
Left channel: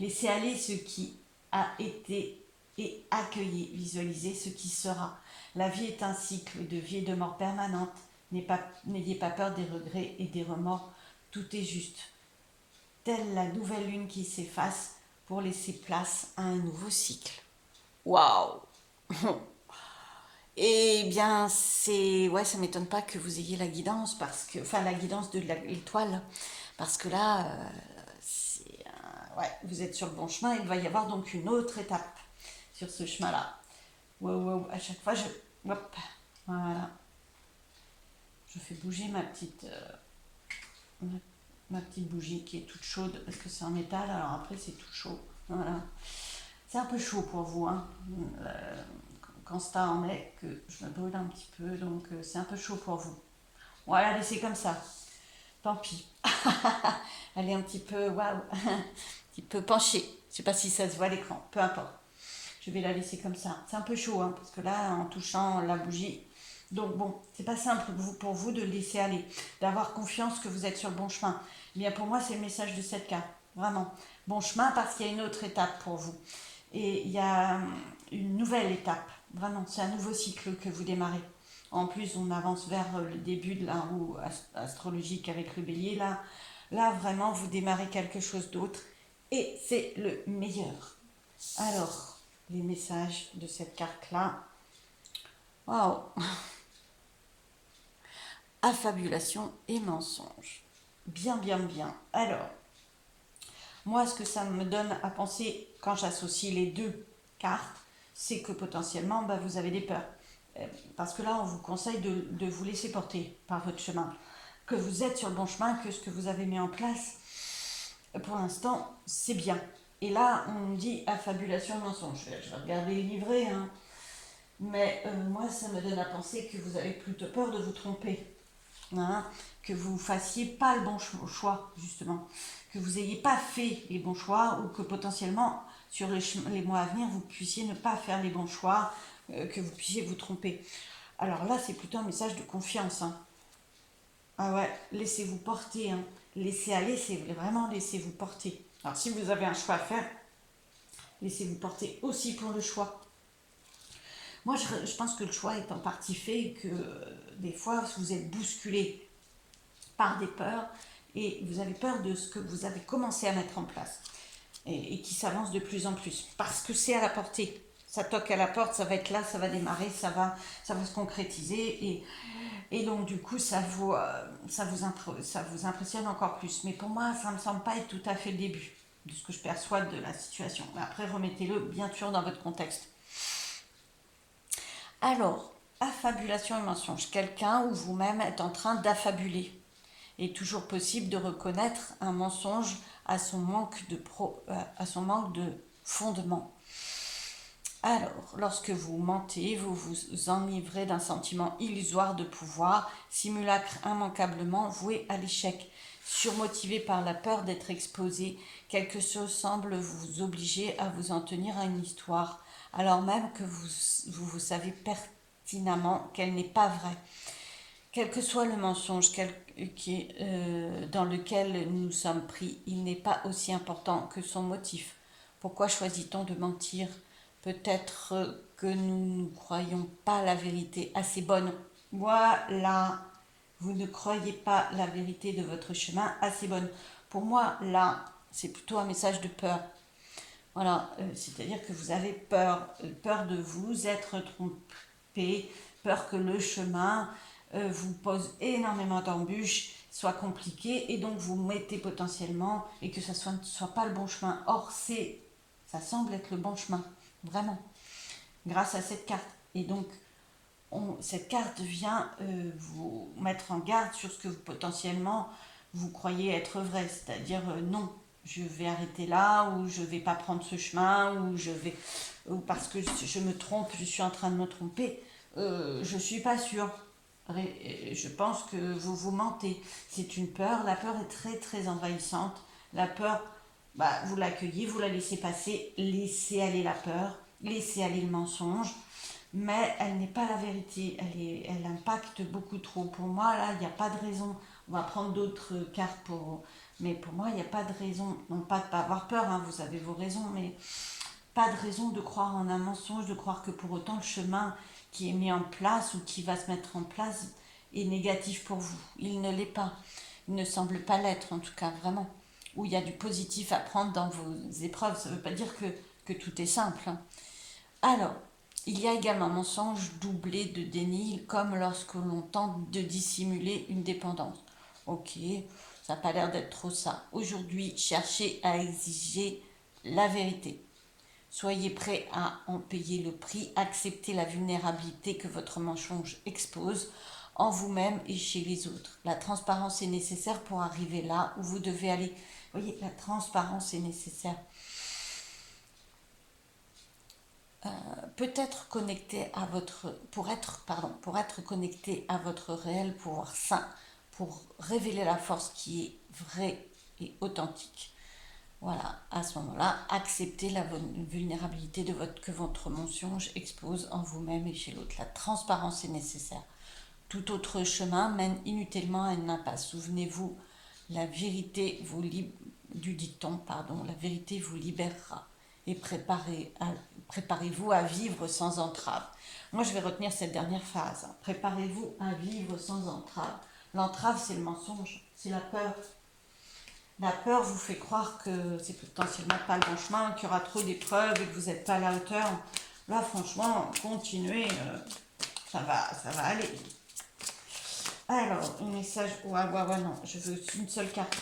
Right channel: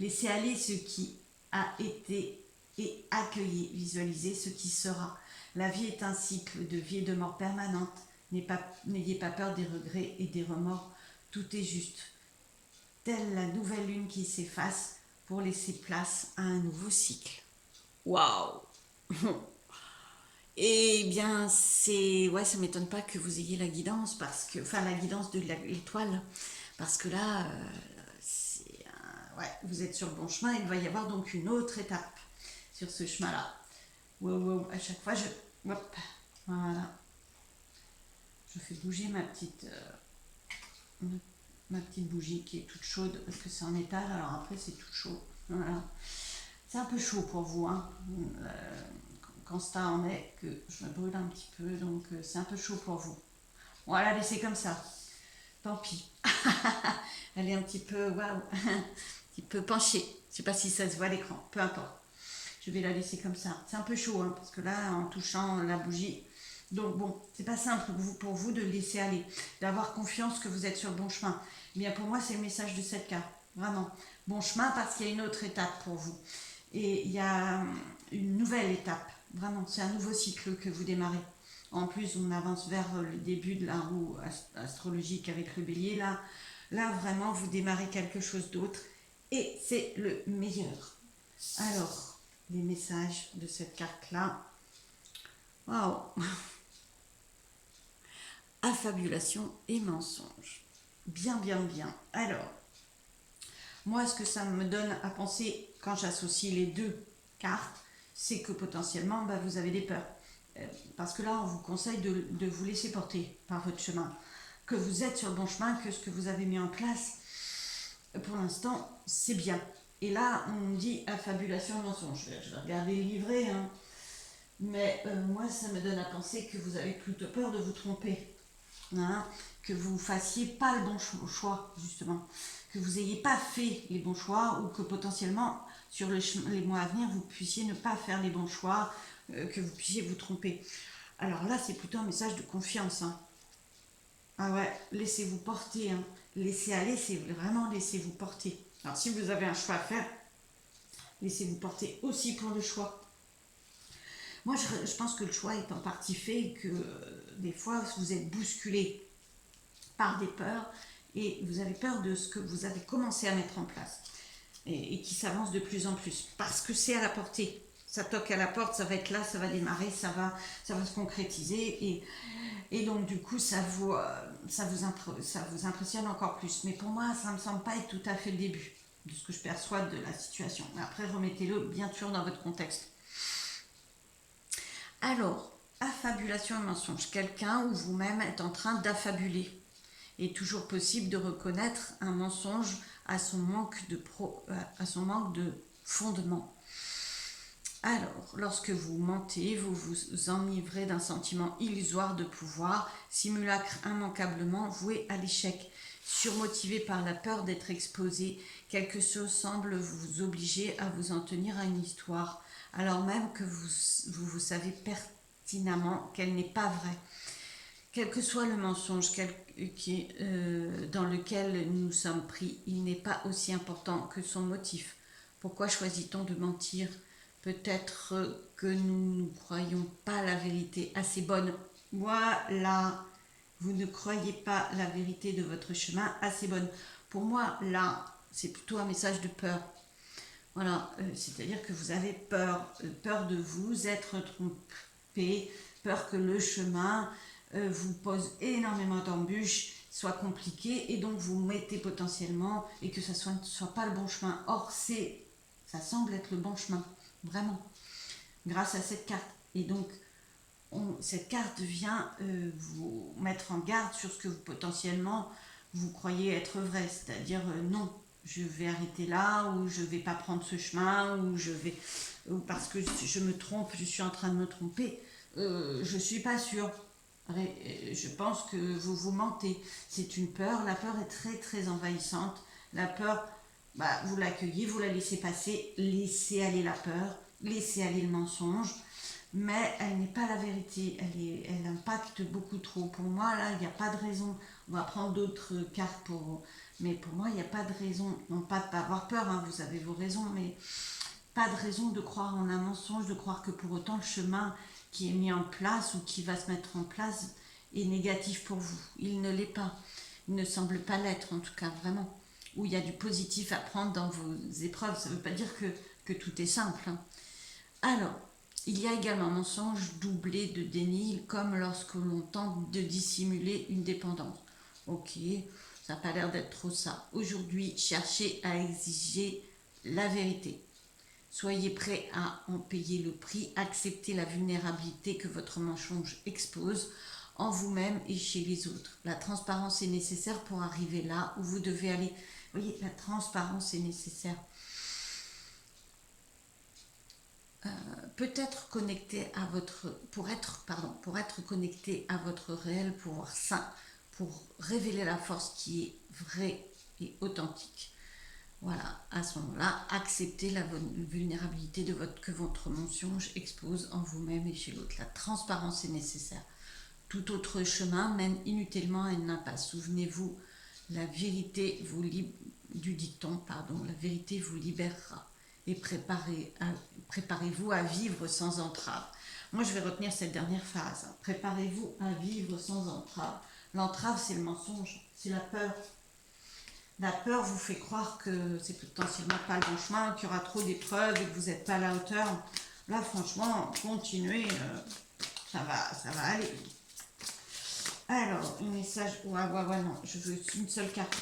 Laissez aller ce qui a été et accueillez, visualisez ce qui sera. La vie est un cycle de vie et de mort permanente. N'ayez pas peur des regrets et des remords. Tout est juste. Telle la nouvelle lune qui s'efface pour laisser place à un nouveau cycle. Waouh! Eh bien, ouais, ça m'étonne pas que vous ayez la guidance, la guidance de l'étoile, parce que là, ouais, vous êtes sur le bon chemin. Il va y avoir donc une autre étape sur ce chemin-là. Wow, à chaque fois, hop, voilà, je fais bouger ma petite bougie qui est toute chaude parce que c'est en métal. Alors après, c'est tout chaud. Voilà, c'est un peu chaud pour vous, hein. Quand ça en est, que je me brûle un petit peu, donc c'est un peu chaud pour vous. Voilà, laissez comme ça. Tant pis. Elle est un petit peu, waouh, un petit peu penchée. Je sais pas si ça se voit à l'écran, peu importe. Je vais la laisser comme ça. C'est un peu chaud, hein, parce que là, en touchant la bougie, donc bon, c'est pas simple pour vous de laisser aller, d'avoir confiance que vous êtes sur le bon chemin. Eh bien pour moi, c'est le message de cette carte, vraiment. Bon chemin parce qu'il y a une autre étape pour vous. Et il y a une nouvelle étape, vraiment, c'est un nouveau cycle que vous démarrez. En plus, on avance vers le début de la roue astrologique avec le bélier. Là, vraiment, vous démarrez quelque chose d'autre et c'est le meilleur. Alors, les messages de cette carte-là. Waouh! Affabulation et mensonge. Bien. Alors, moi, ce que ça me donne à penser quand j'associe les deux cartes, c'est que potentiellement, vous avez des peurs. Parce que là, on vous conseille de vous laisser porter par votre chemin. Que vous êtes sur le bon chemin, que ce que vous avez mis en place, pour l'instant, c'est bien. Et là, on me dit affabulation et mensonge. Je vais regarder les livrets, hein. Mais moi, ça me donne à penser que vous avez plutôt peur de vous tromper. Hein, que vous ne fassiez pas le bon choix, justement. Que vous n'ayez pas fait les bons choix ou que potentiellement, sur les mois à venir, vous puissiez ne pas faire les bons choix, que vous puissiez vous tromper. Alors là, c'est plutôt un message de confiance. Hein. Ah ouais, laissez-vous porter. Hein. Laissez aller, c'est vraiment laissez-vous porter. Alors si vous avez un choix à faire, laissez-vous porter aussi pour le choix. Moi, je pense que le choix est en partie fait et que des fois, vous êtes bousculé par des peurs et vous avez peur de ce que vous avez commencé à mettre en place et qui s'avance de plus en plus parce que c'est à la portée. Ça toque à la porte, ça va être là, ça va démarrer, ça va se concrétiser et donc du coup, ça vous impressionne encore plus. Mais pour moi, ça ne me semble pas être tout à fait le début de ce que je perçois de la situation. Mais après, remettez-le bien sûr dans votre contexte. Alors, affabulation et mensonge. Quelqu'un ou vous-même êtes en train d'affabuler. Il est toujours possible de reconnaître un mensonge à son manque de fondement. Alors, lorsque vous mentez, vous vous enivrez d'un sentiment illusoire de pouvoir, simulacre immanquablement voué à l'échec. Surmotivé par la peur d'être exposé, quelque chose semble vous obliger à vous en tenir à une histoire, alors même que vous savez pertinemment qu'elle n'est pas vraie. Quel que soit le mensonge dans lequel nous sommes pris, il n'est pas aussi important que son motif. Pourquoi choisit-on de mentir ? Peut-être que nous ne croyons pas la vérité assez bonne. Voilà, vous ne croyez pas la vérité de votre chemin assez bonne. Pour moi, là, c'est plutôt un message de peur. Voilà, c'est-à-dire que vous avez peur, peur de vous être trompé, peur que le chemin vous pose énormément d'embûches, soit compliqué, et donc vous mettez potentiellement, et que ça soit pas le bon chemin. Or, ça semble être le bon chemin, vraiment, grâce à cette carte. Et donc, cette carte vient vous mettre en garde sur ce que potentiellement vous croyez être vrai, c'est-à-dire non, je vais arrêter là, ou je vais pas prendre ce chemin, ou parce que je me trompe, je suis en train de me tromper, je suis pas sûre. Je pense que vous mentez. C'est une peur. La peur est très très envahissante. La peur, bah, vous l'accueillez, vous la laissez passer, laissez aller la peur, laissez aller le mensonge, mais elle n'est pas la vérité. Elle impacte beaucoup trop. Pour moi, là, il n'y a pas de raison. On va prendre d'autres cartes mais pour moi, il n'y a pas de raison. Non pas de ne pas avoir peur, hein, vous avez vos raisons, mais pas de raison de croire en un mensonge, de croire que pour autant le chemin qui est mis en place ou qui va se mettre en place est négatif pour vous. Il ne l'est pas. Il ne semble pas l'être, en tout cas, vraiment. Où il y a du positif à prendre dans vos épreuves. Ça ne veut pas dire que tout est simple, hein. Alors, il y a également un mensonge doublé de déni, comme lorsque l'on tente de dissimuler une dépendance. Ok, ça n'a pas l'air d'être trop ça. Aujourd'hui, cherchez à exiger la vérité. Soyez prêt à en payer le prix, acceptez la vulnérabilité que votre mensonge expose en vous-même et chez les autres. La transparence est nécessaire pour arriver là où vous devez aller. Vous voyez, la transparence est nécessaire. Peut-être connecté à pour être connecté à votre réel pouvoir sain, pour révéler la force qui est vraie et authentique. Voilà, à ce moment-là, acceptez la vulnérabilité que votre mensonge expose en vous-même et chez l'autre. La transparence est nécessaire. Tout autre chemin mène inutilement à une impasse. Souvenez-vous, la vérité du dicton, la vérité vous libérera. Et préparez-vous à vivre sans entrave. Moi, je vais retenir cette dernière phrase. Préparez-vous à vivre sans entrave. L'entrave, c'est le mensonge, c'est la peur. La peur vous fait croire que c'est potentiellement pas le bon chemin, qu'il y aura trop d'épreuves et que vous n'êtes pas à la hauteur. Là, franchement, continuez, ça va aller. Alors, un message. Ouais, non, je veux une seule carte.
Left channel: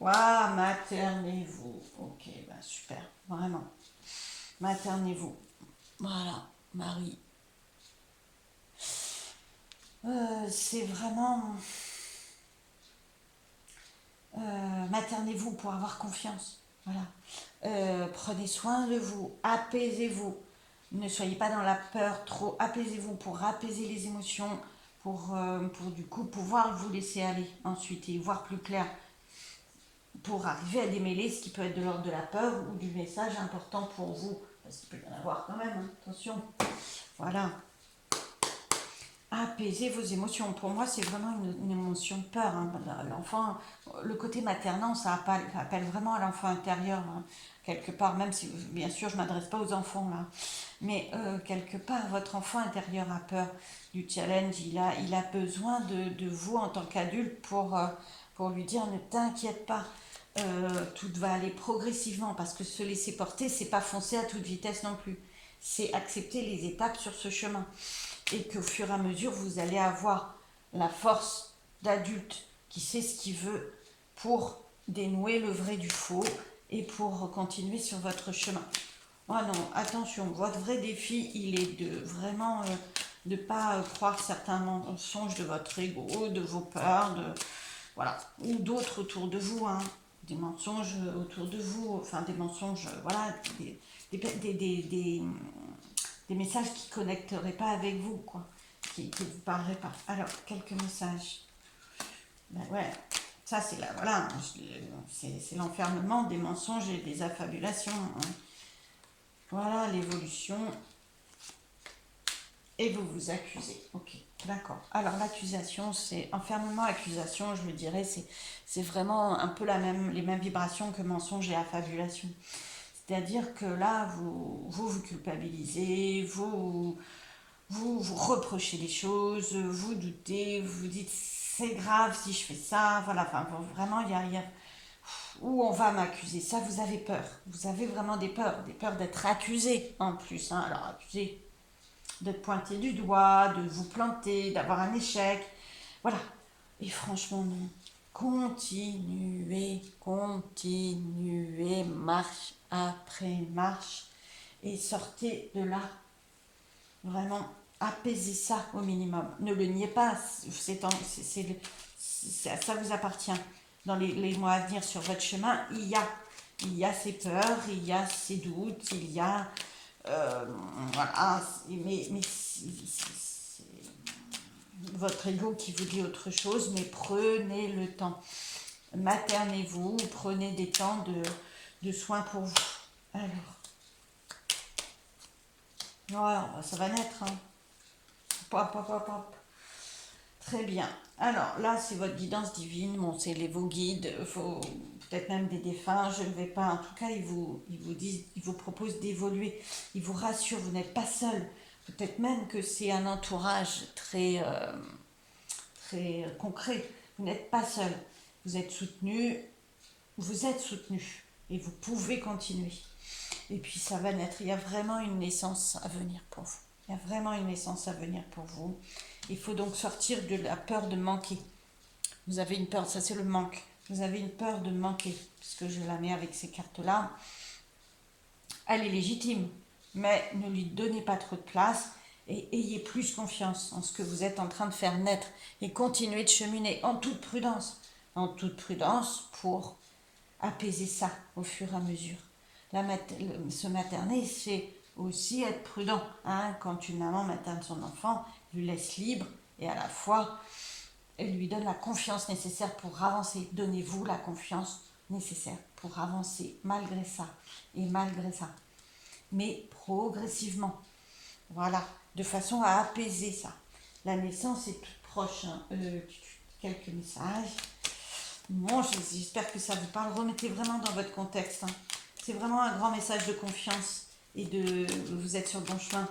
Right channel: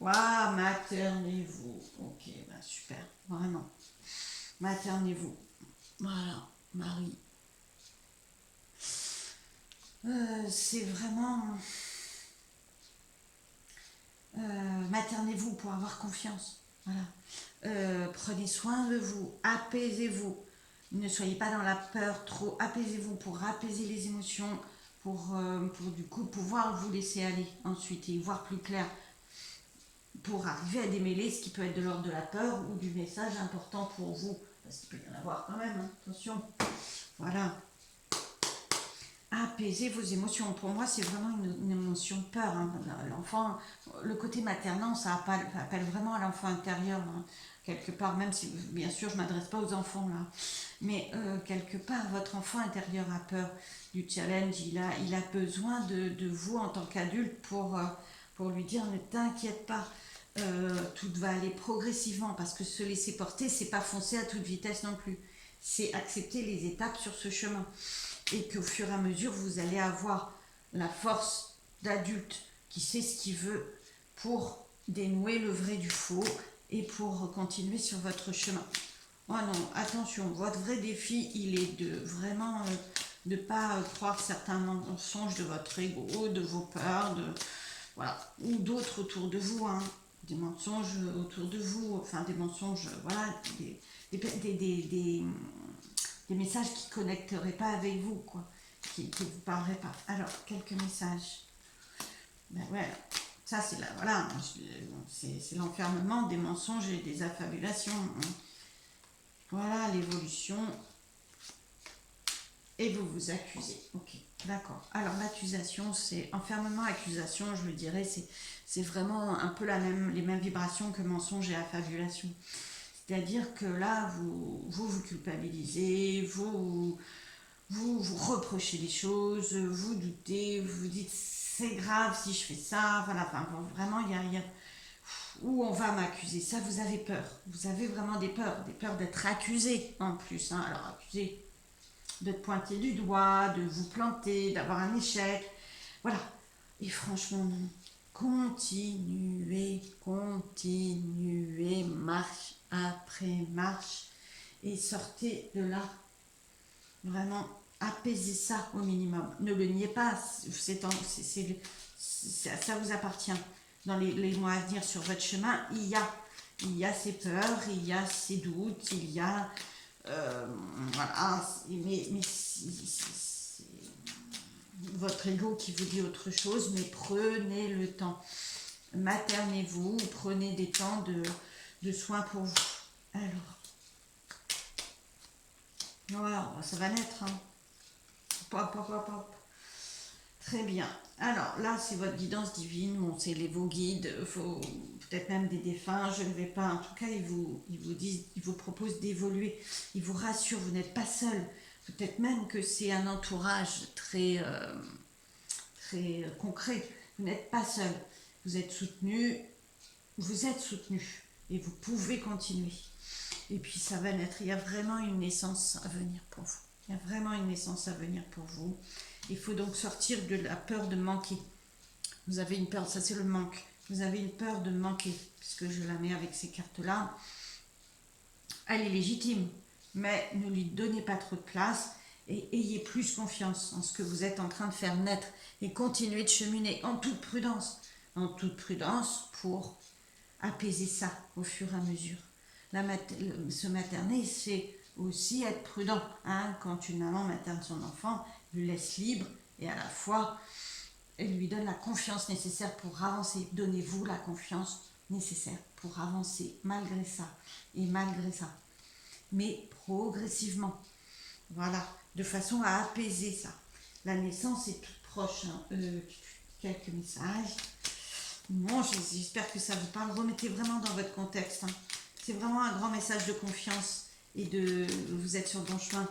Waouh, maternez-vous. Ok, bah super, vraiment. Maternez-vous. Voilà, Marie. C'est vraiment. Maternez-vous pour avoir confiance. Voilà. Prenez soin de vous, apaisez-vous. Ne soyez pas dans la peur trop. Apaisez-vous pour apaiser les émotions, pour du coup pouvoir vous laisser aller ensuite et voir plus clair. Pour arriver à démêler ce qui peut être de l'ordre de la peur ou du message important pour vous. Parce qu'il peut y en avoir quand même, hein. Attention. Voilà. Apaiser vos émotions. Pour moi, c'est vraiment une émotion de peur, hein. L'enfant, le côté maternant, ça appelle vraiment à l'enfant intérieur, hein. Quelque part, même si, bien sûr, je ne m'adresse pas aux enfants, là. Mais quelque part, votre enfant intérieur a peur du challenge. Il a besoin de vous en tant qu'adulte pour lui dire, ne t'inquiète pas. Tout va aller progressivement, parce que se laisser porter, c'est pas foncer à toute vitesse non plus. C'est accepter les étapes sur ce chemin. Et qu'au fur et à mesure, vous allez avoir la force d'adulte qui sait ce qu'il veut pour dénouer le vrai du faux et pour continuer sur votre chemin. Oh non, attention, votre vrai défi, il est de vraiment ne pas croire certains mensonges de votre ego, de vos peurs, voilà, ou d'autres autour de vous, hein, des mensonges autour de vous, enfin des mensonges, voilà, des messages qui ne connecteraient pas avec vous, quoi, qui ne vous parleraient pas. Alors, quelques messages. Ben ouais, ça c'est là, voilà, c'est l'enfermement des mensonges et des affabulations, hein. Voilà l'évolution. Et vous vous accusez. Ok, d'accord. Alors l'accusation, c'est enfermement, accusation, je le dirais, c'est vraiment un peu les mêmes vibrations que mensonge et affabulation. C'est-à-dire que là, vous culpabilisez, vous vous vous reprochez les choses, vous doutez, vous vous dites c'est grave si je fais ça, voilà, enfin bon, vraiment il y a où on va m'accuser, ça vous avez peur, vous avez vraiment des peurs d'être accusé en plus, hein. Alors accusé de te pointer du doigt, de vous planter, d'avoir un échec, voilà. Et franchement non, continuez, continuez, marche après marche, et sortez de là. Vraiment, apaisez ça au minimum. Ne le niez pas, ça vous appartient. Dans les mois à venir sur votre chemin, il y a ces peurs, il y a ces doutes, il y a... voilà, mais c'est votre ego qui vous dit autre chose, mais prenez le temps. Maternez-vous, prenez des temps de soins pour vous. Alors, voilà, ça va naître, hein. Pop, pop, pop, pop. Très bien. Alors là, c'est votre guidance divine. Bon, c'est vos guides, peut-être même des défunts. Je ne vais pas. En tout cas, ils vous proposent d'évoluer. Ils vous rassurent. Vous n'êtes pas seul. Peut-être même que c'est un entourage très concret. Vous n'êtes pas seul. Vous êtes soutenu. Vous êtes soutenu. Et vous pouvez continuer. Et puis ça va naître. Il y a vraiment une naissance à venir pour vous. Il y a vraiment une naissance à venir pour vous. Il faut donc sortir de la peur de manquer. Vous avez une peur, ça c'est le manque. Vous avez une peur de manquer, puisque je la mets avec ces cartes-là. Elle est légitime, mais ne lui donnez pas trop de place et ayez plus confiance en ce que vous êtes en train de faire naître et continuez de cheminer en toute prudence. En toute prudence pour apaiser ça au fur et à mesure. Se materner, c'est aussi être prudent, hein. Quand une maman materne son enfant, lui laisse libre et à la fois elle lui donne la confiance nécessaire pour avancer. Donnez-vous la confiance nécessaire pour avancer malgré ça et malgré ça, mais progressivement, voilà, de façon à apaiser ça. La naissance est toute proche, hein. Quelques messages. Bon, j'espère que ça vous parle. Remettez vraiment dans votre contexte, hein. C'est vraiment un grand message de confiance et vous êtes sur le bon chemin.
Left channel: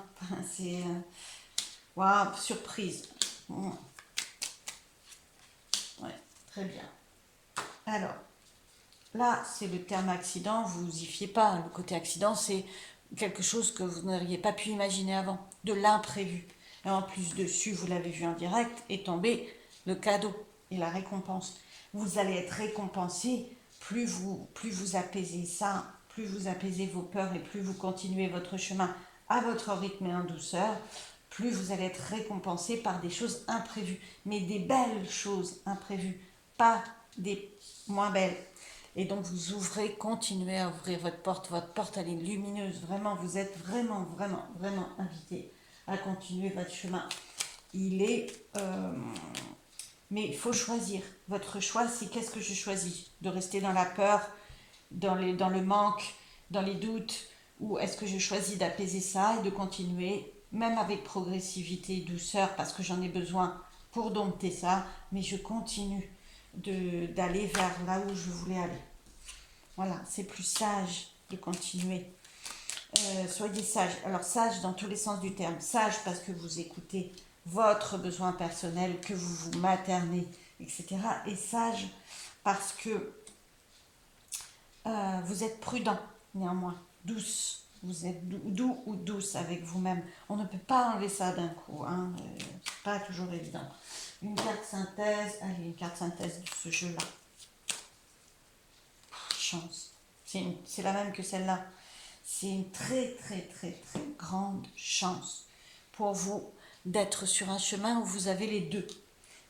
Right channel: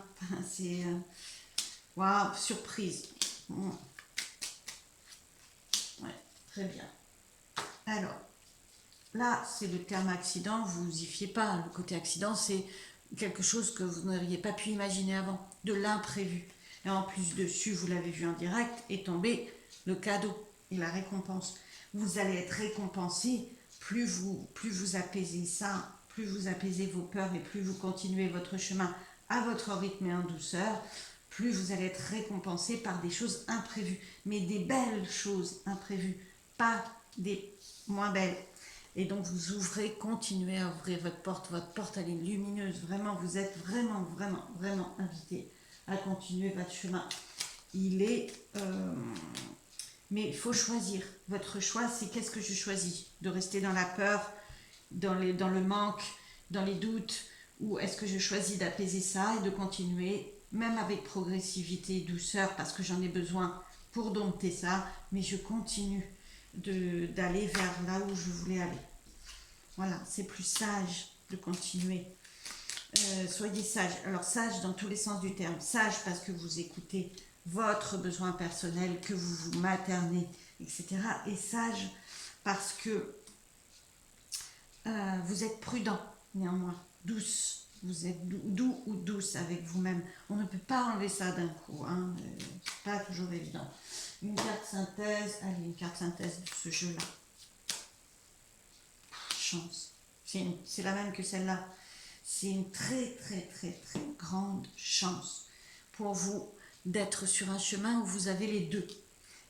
C'est waouh, surprise. Bon. Ouais, très bien. Alors, là, c'est le terme accident, vous y fiez pas. Le côté accident, c'est quelque chose que vous n'auriez pas pu imaginer avant, de l'imprévu. Et en plus dessus, vous l'avez vu en direct, est tombé le cadeau et la récompense. Vous allez être récompensé, plus vous apaisez ça, plus vous apaisez vos peurs et plus vous continuez votre chemin à votre rythme et en douceur, plus vous allez être récompensé par des choses imprévues, mais des belles choses imprévues, pas des moins belles. Et donc vous ouvrez, continuez à ouvrir votre porte elle est lumineuse, vraiment, vous êtes vraiment, vraiment, vraiment invité à continuer votre chemin. Il est... mais il faut choisir. Votre choix, c'est qu'est-ce que je choisis? De rester dans la peur, dans le manque, dans les doutes, ou est-ce que je choisis d'apaiser ça et de continuer, même avec progressivité et douceur, parce que j'en ai besoin pour dompter ça, mais je continue d'aller vers là où je voulais aller. Voilà, c'est plus sage de continuer. Soyez sage. Alors sage dans tous les sens du terme. Sage parce que vous écoutez votre besoin personnel, que vous vous maternez, etc. Et sage parce que vous êtes prudent, néanmoins, douce. Vous êtes doux ou douce avec vous-même. On ne peut pas enlever ça d'un coup, hein. C'est pas toujours évident. Une carte synthèse, allez, une carte synthèse de ce jeu-là. Chance. C'est la même que celle-là. C'est une très, très, très, très grande chance pour vous d'être sur un chemin où vous avez les deux.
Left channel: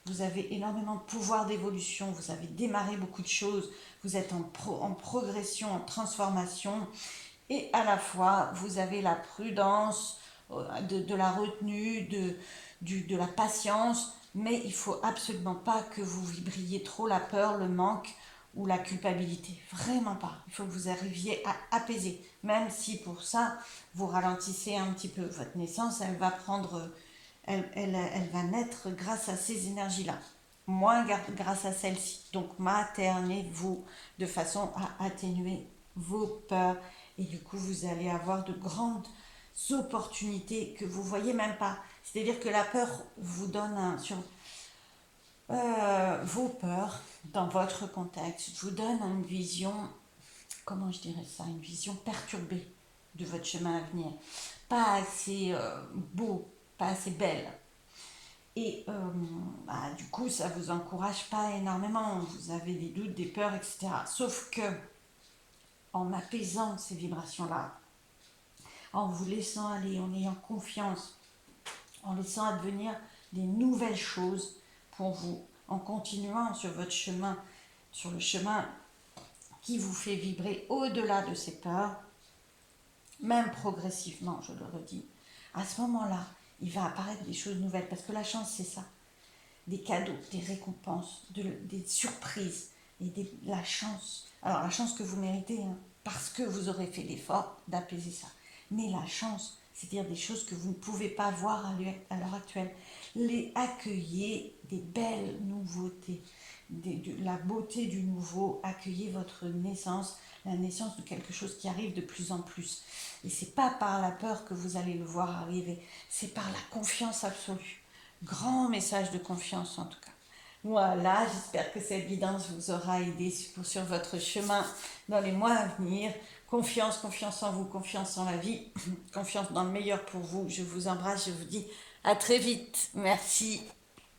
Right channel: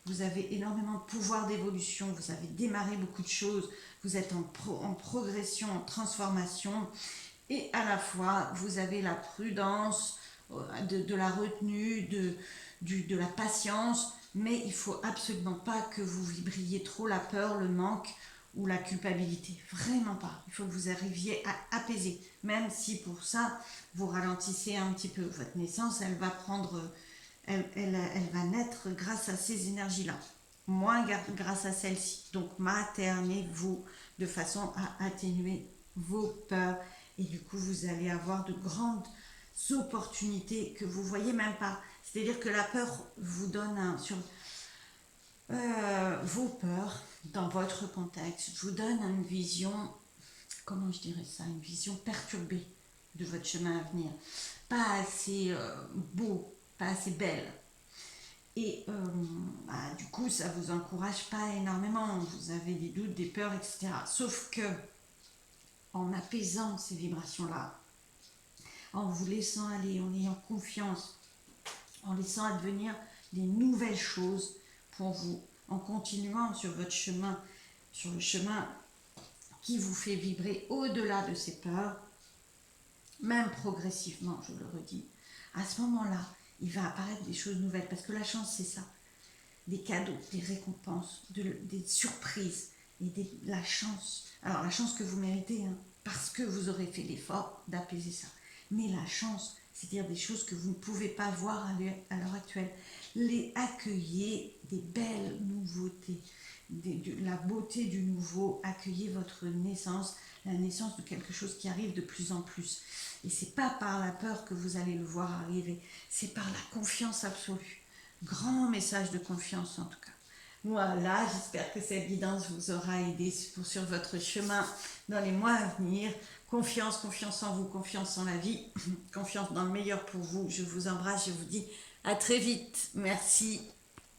Vous avez énormément de pouvoir d'évolution, vous avez démarré beaucoup de choses, vous êtes en progression, en transformation, et à la fois, vous avez la prudence, de la retenue, de la patience, mais il ne faut absolument pas que vous vibriez trop la peur, le manque ou la culpabilité. Vraiment pas. Il faut que vous arriviez à apaiser, même si pour ça, vous ralentissez un petit peu. Votre naissance, elle va prendre... Elle va naître grâce à ces énergies-là, moins grâce à celle-ci. Donc maternez-vous de façon à atténuer vos peurs et du coup vous allez avoir de grandes opportunités que vous ne voyez même pas. C'est-à-dire que la peur vous donne vos peurs dans votre contexte vous donnent une vision, comment je dirais ça, une vision perturbée de votre chemin à venir, pas assez beau, pas assez belle. Et du coup, ça vous encourage pas énormément. Vous avez des doutes, des peurs, etc. Sauf que en apaisant ces vibrations-là, en vous laissant aller, en ayant confiance, en laissant advenir des nouvelles choses pour vous, en continuant sur votre chemin, sur le chemin qui vous fait vibrer au-delà de ces peurs, même progressivement, je le redis, à ce moment-là, il va apparaître des choses nouvelles. Parce que la chance, c'est ça. Des cadeaux, des récompenses, des surprises, la chance. Alors la chance que vous méritez, hein, parce que vous aurez fait l'effort d'apaiser ça. Mais la chance, c'est-à-dire des choses que vous ne pouvez pas voir à l'heure actuelle. Les accueillez des belles nouveautés, de la beauté du nouveau, accueillez votre naissance, la naissance de quelque chose qui arrive de plus en plus. Et c'est pas par la peur que vous allez le voir arriver, c'est par la confiance absolue. Grand message de confiance en tout cas. Voilà, j'espère que cette guidance vous aura aidé sur votre chemin dans les mois à venir. Confiance, confiance en vous, confiance en la vie, confiance dans le meilleur pour vous. Je vous embrasse, je vous dis à très vite. Merci.